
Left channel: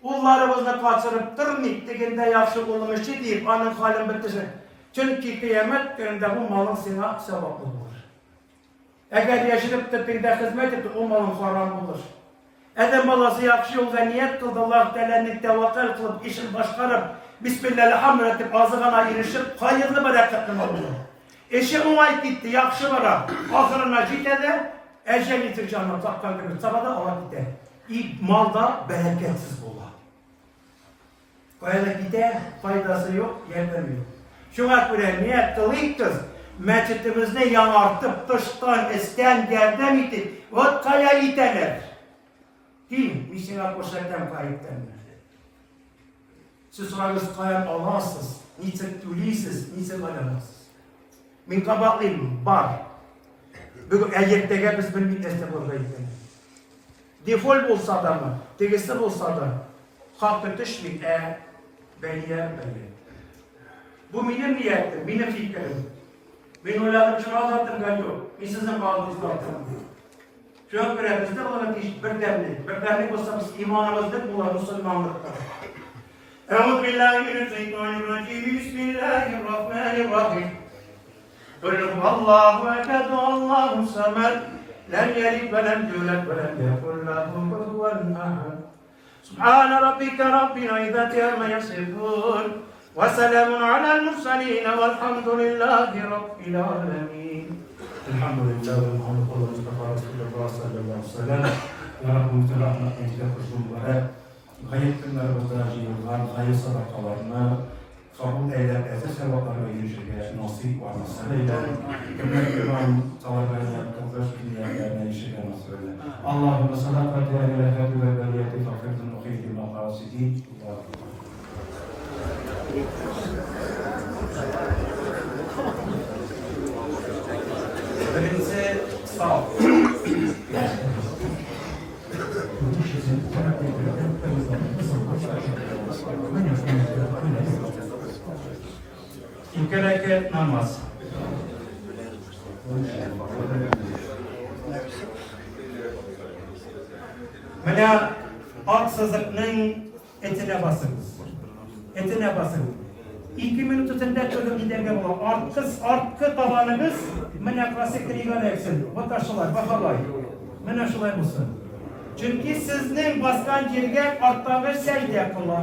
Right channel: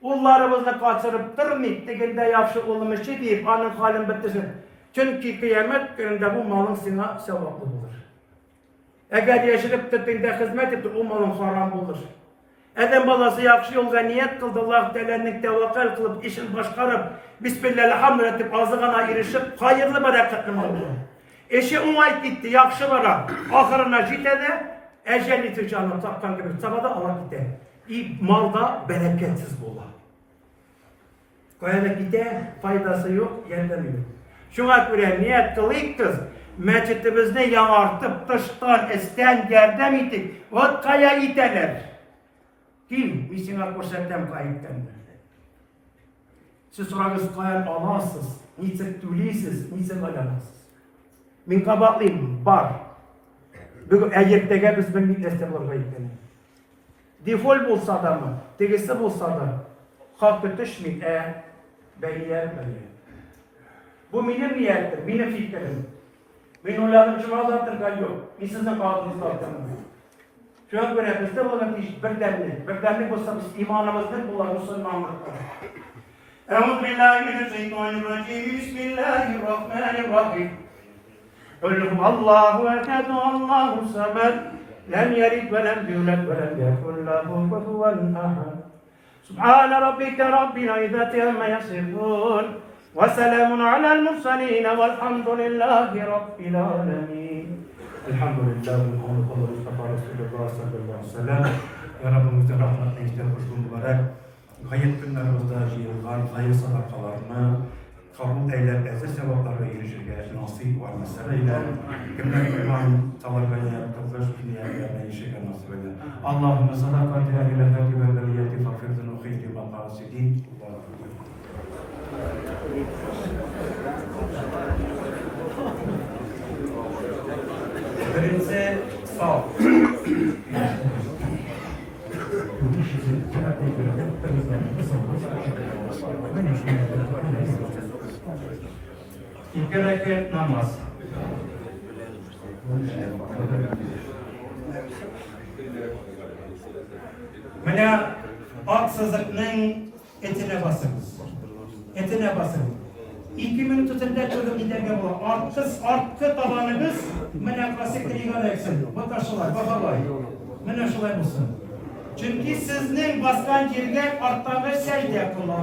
kullarımızla kaçırıp durmayıp, deginde yaxşı olmuş deyip, anın halin bitişip. Çünkü kıyamet gününde bu malın sana sevaplı olur. Eğer yaşayıp tuttuğunda hizmet etti, o malın haram olur. Adam balası yaxşı yolda niyet kıldı, Allah Teala'nın tevakkal kılıp, işini başkarıp, Bismillahirrahmanirrahim etip, azığına erişip, hayırlı bereketli mal olur. Eşi onay gitti, yaxşı vara, ahırına gitede, ecel itir canım, takkan gibi, sabada ala gitti. Malda bereketsiz olur. Koyada gitti, faydası yok, yerden yok. Şuna göre niyet kılayım kız, meçhitimizni yanartıp, dıştan, isten, yerden itip, o kaya iteler. Kim? Misina koşarken kayıptandır. Siz sorarız kayan Allahsız, niçin tülisiz, niçin alanasız. Min kabaklıyım, var. Bugün eğertege biz bir millete var kayıptandır. Defol bulsa da mı, tegesi bulsa da, hakkı tışmik beyler. Bu benim niyetim, benim fikrim. Ben oyladım, şuna anlattım yok. Ben sizin bağlınızda anlattım. Şu an görevimizde olan bir demlik olsa biz imanımızda bulan Müslümanlıkta. Euzubillahimineşşeytanirracim. Bismillahirrahmanirrahim. Kul huvallahu ehad, Allahu samed. Lem yelid ve lem yulad ve lem yekun lehu kufuven ahad. Subhane rabbike rabbil izzati amma yasifun. Ve selamun alel mursalin velhamdülillahi rabbil alemin. Elhamdülillah ve Muhammed Mustafa Resulullah sallallahu aleyhi ve sellem ve Rabbimizin rahmetine kitaplaşım mübarek hayır günlerimizde yığılan hayır sadakalarını kabul eyleyip ezir sevaplarla erişirken nasip var meseleyle kimler iman talakayla kıvır dünyayla erişirken nasip eyle. Allahümme sadakatine ile hâdi ve veliyeti fakirtin ve khilti maqasidin. Birinize sağ ol. İki rekat namaz. Böyle aksızlıkның etine basınız. Etine basınız. 2 minut içinde çözüm giderge olur. Artkı tabanınız mene klasik rigan eksin. Bu taşılar, bakalay. Mene şulay olsun. Çünkü sizin baskan yerge arttağınız secde yapılır.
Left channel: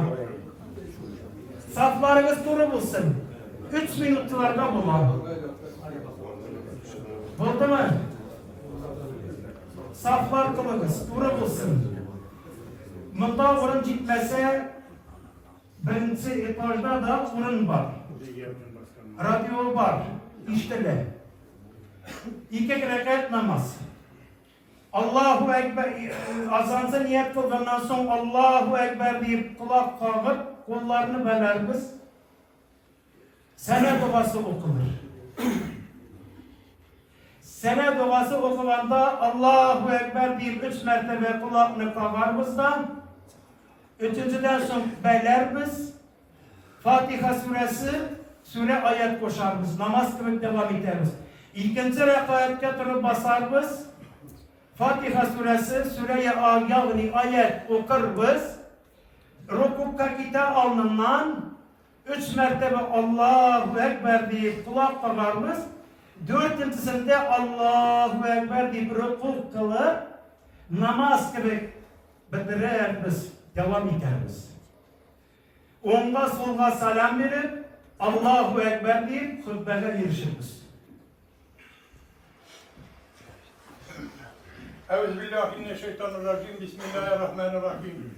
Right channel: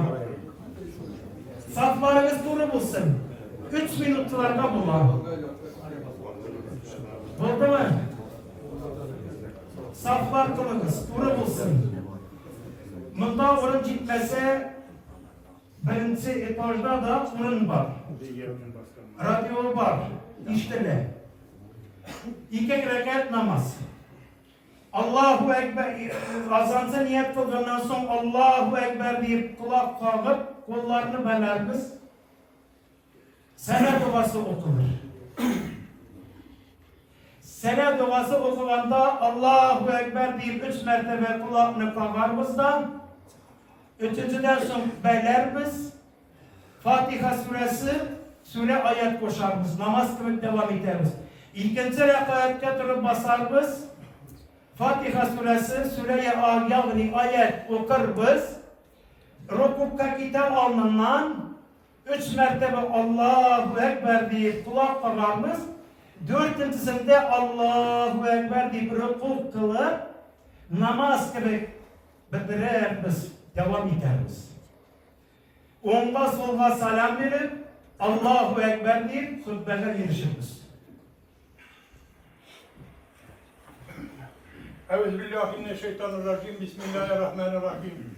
Saflarınız doğru bulsun. 3 minutlarına bulan. Buldu mu? Saflar kılınız, doğru bulsun. Bunda orun gitmese birinci etajda da orun var. Radyo var. İşte 2 rekat namaz. Allahu Ekber azansa niyet kıldıktan sonra Allahu Ekber deyip kulak kağıp kollarını belerimiz sene duası okunur. Sene duası okuvanda Allahu Ekber deyip 3 mertebe kulağını kağarımızdan 3.'den sonra belerimiz Fatiha suresi sure ayet koşarımız. Namaz kılıp devam ederiz. İkinci rekaat getirip basarız. Fatiha suresi, sure-i yani ayet okuruz. Rukukka gider alnından 3 mertebe Allahu Ekber deyip kulak kağarız. 4.'sinde Allahu Ekber deyip rukuk kılıp namaz gibi bitiririz, devam ederiz. Onga solga salam verip Allahu Ekber deyip hutbeye girişiriz. Euzubillahimineşşeytanirracim. Bismillahirrahmanirrahim.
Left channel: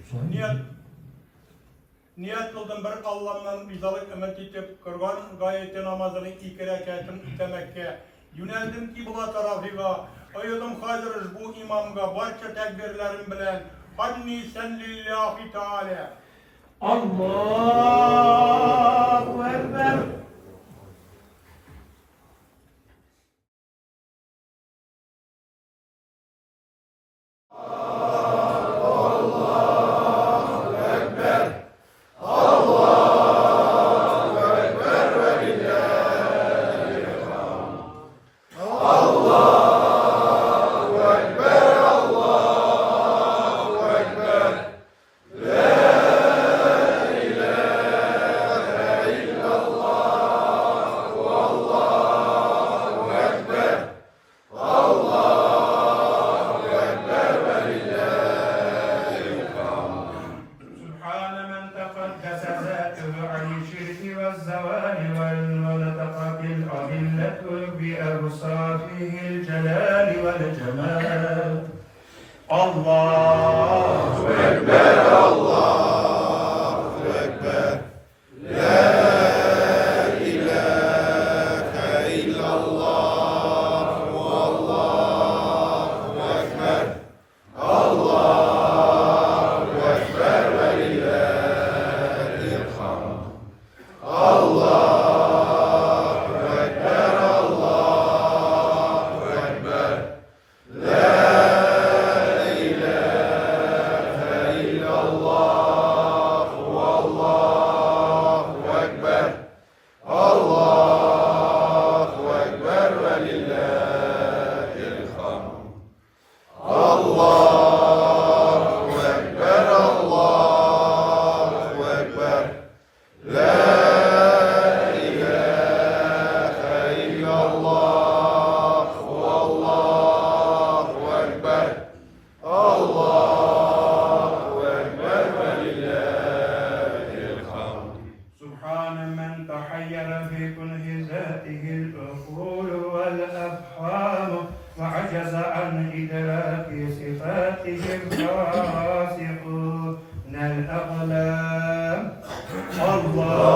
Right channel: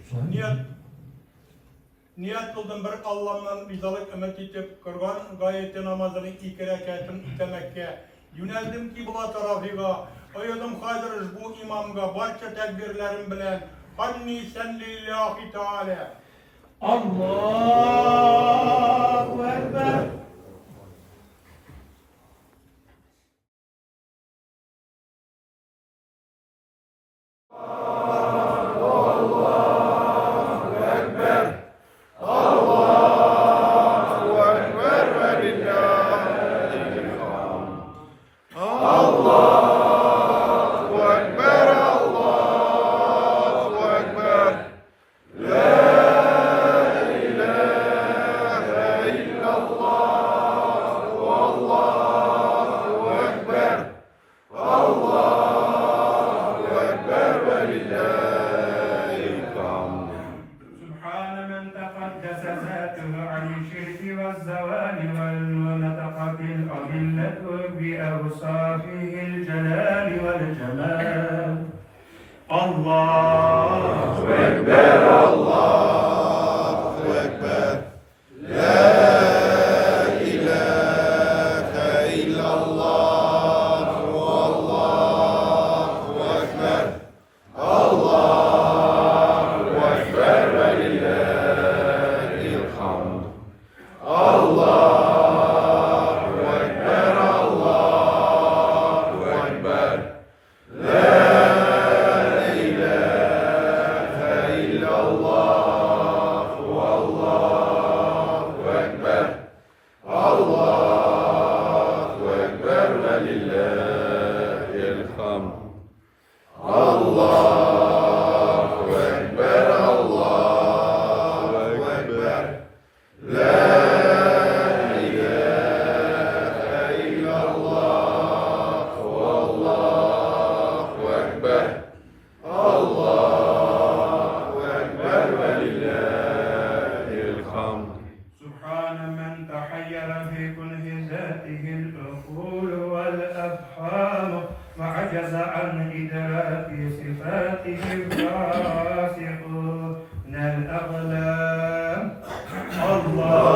Niyet kıldım bir Allah'tan rizalık ümit etip kırgan gayeti namazının 2 rekatını temekke. Yöneldim kibla tarafıga. Ayıdım hazırız bu imamga. Barça tekbirlerim bilen. Hanni sen lillahi teala. Allahu Ekber. بأوصافه الجلال والجمال الله أكبر الله أكبر لا إله إلا الله والله أكبر الله أكبر ولله الحمد الله وعجز عن إدراك صفاته الراسخون الأقلام الله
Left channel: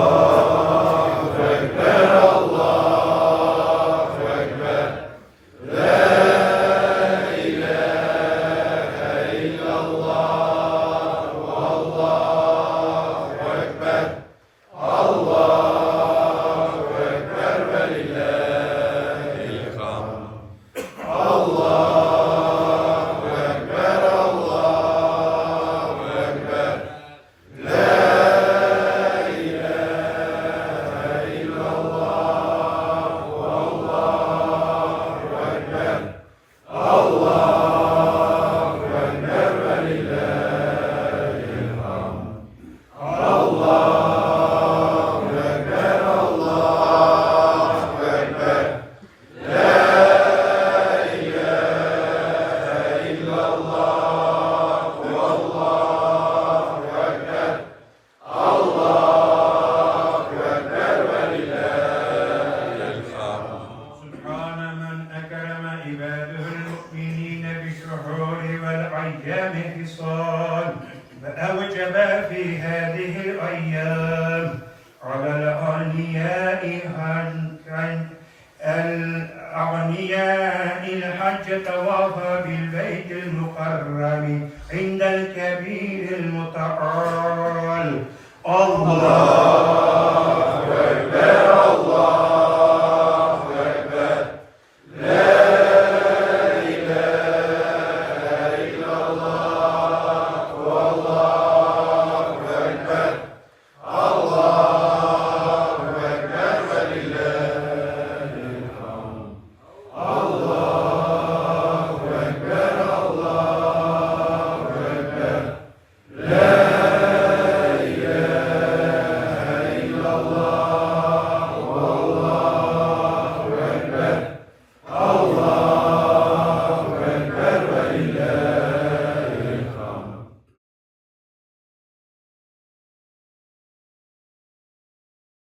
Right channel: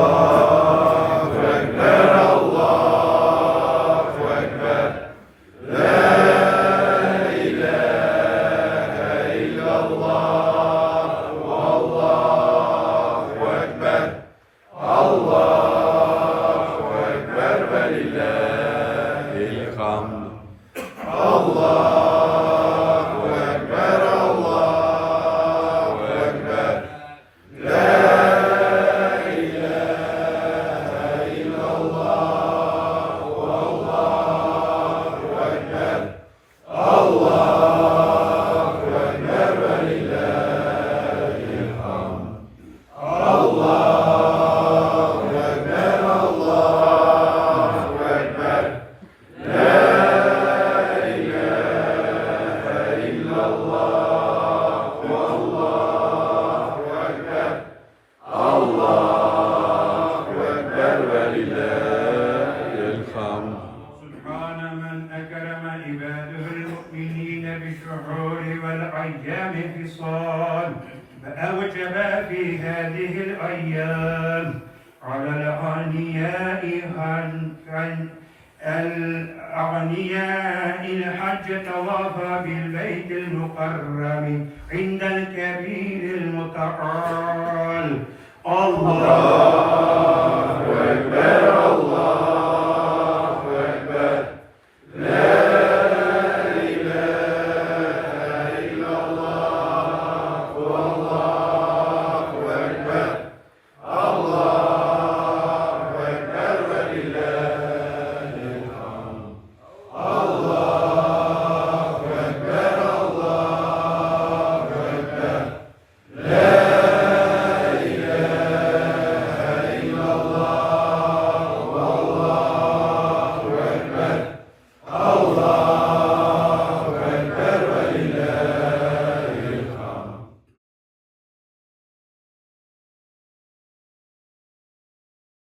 على الأغنياء الحج طواف بالبيت المقرب عند الكبير المتعال الله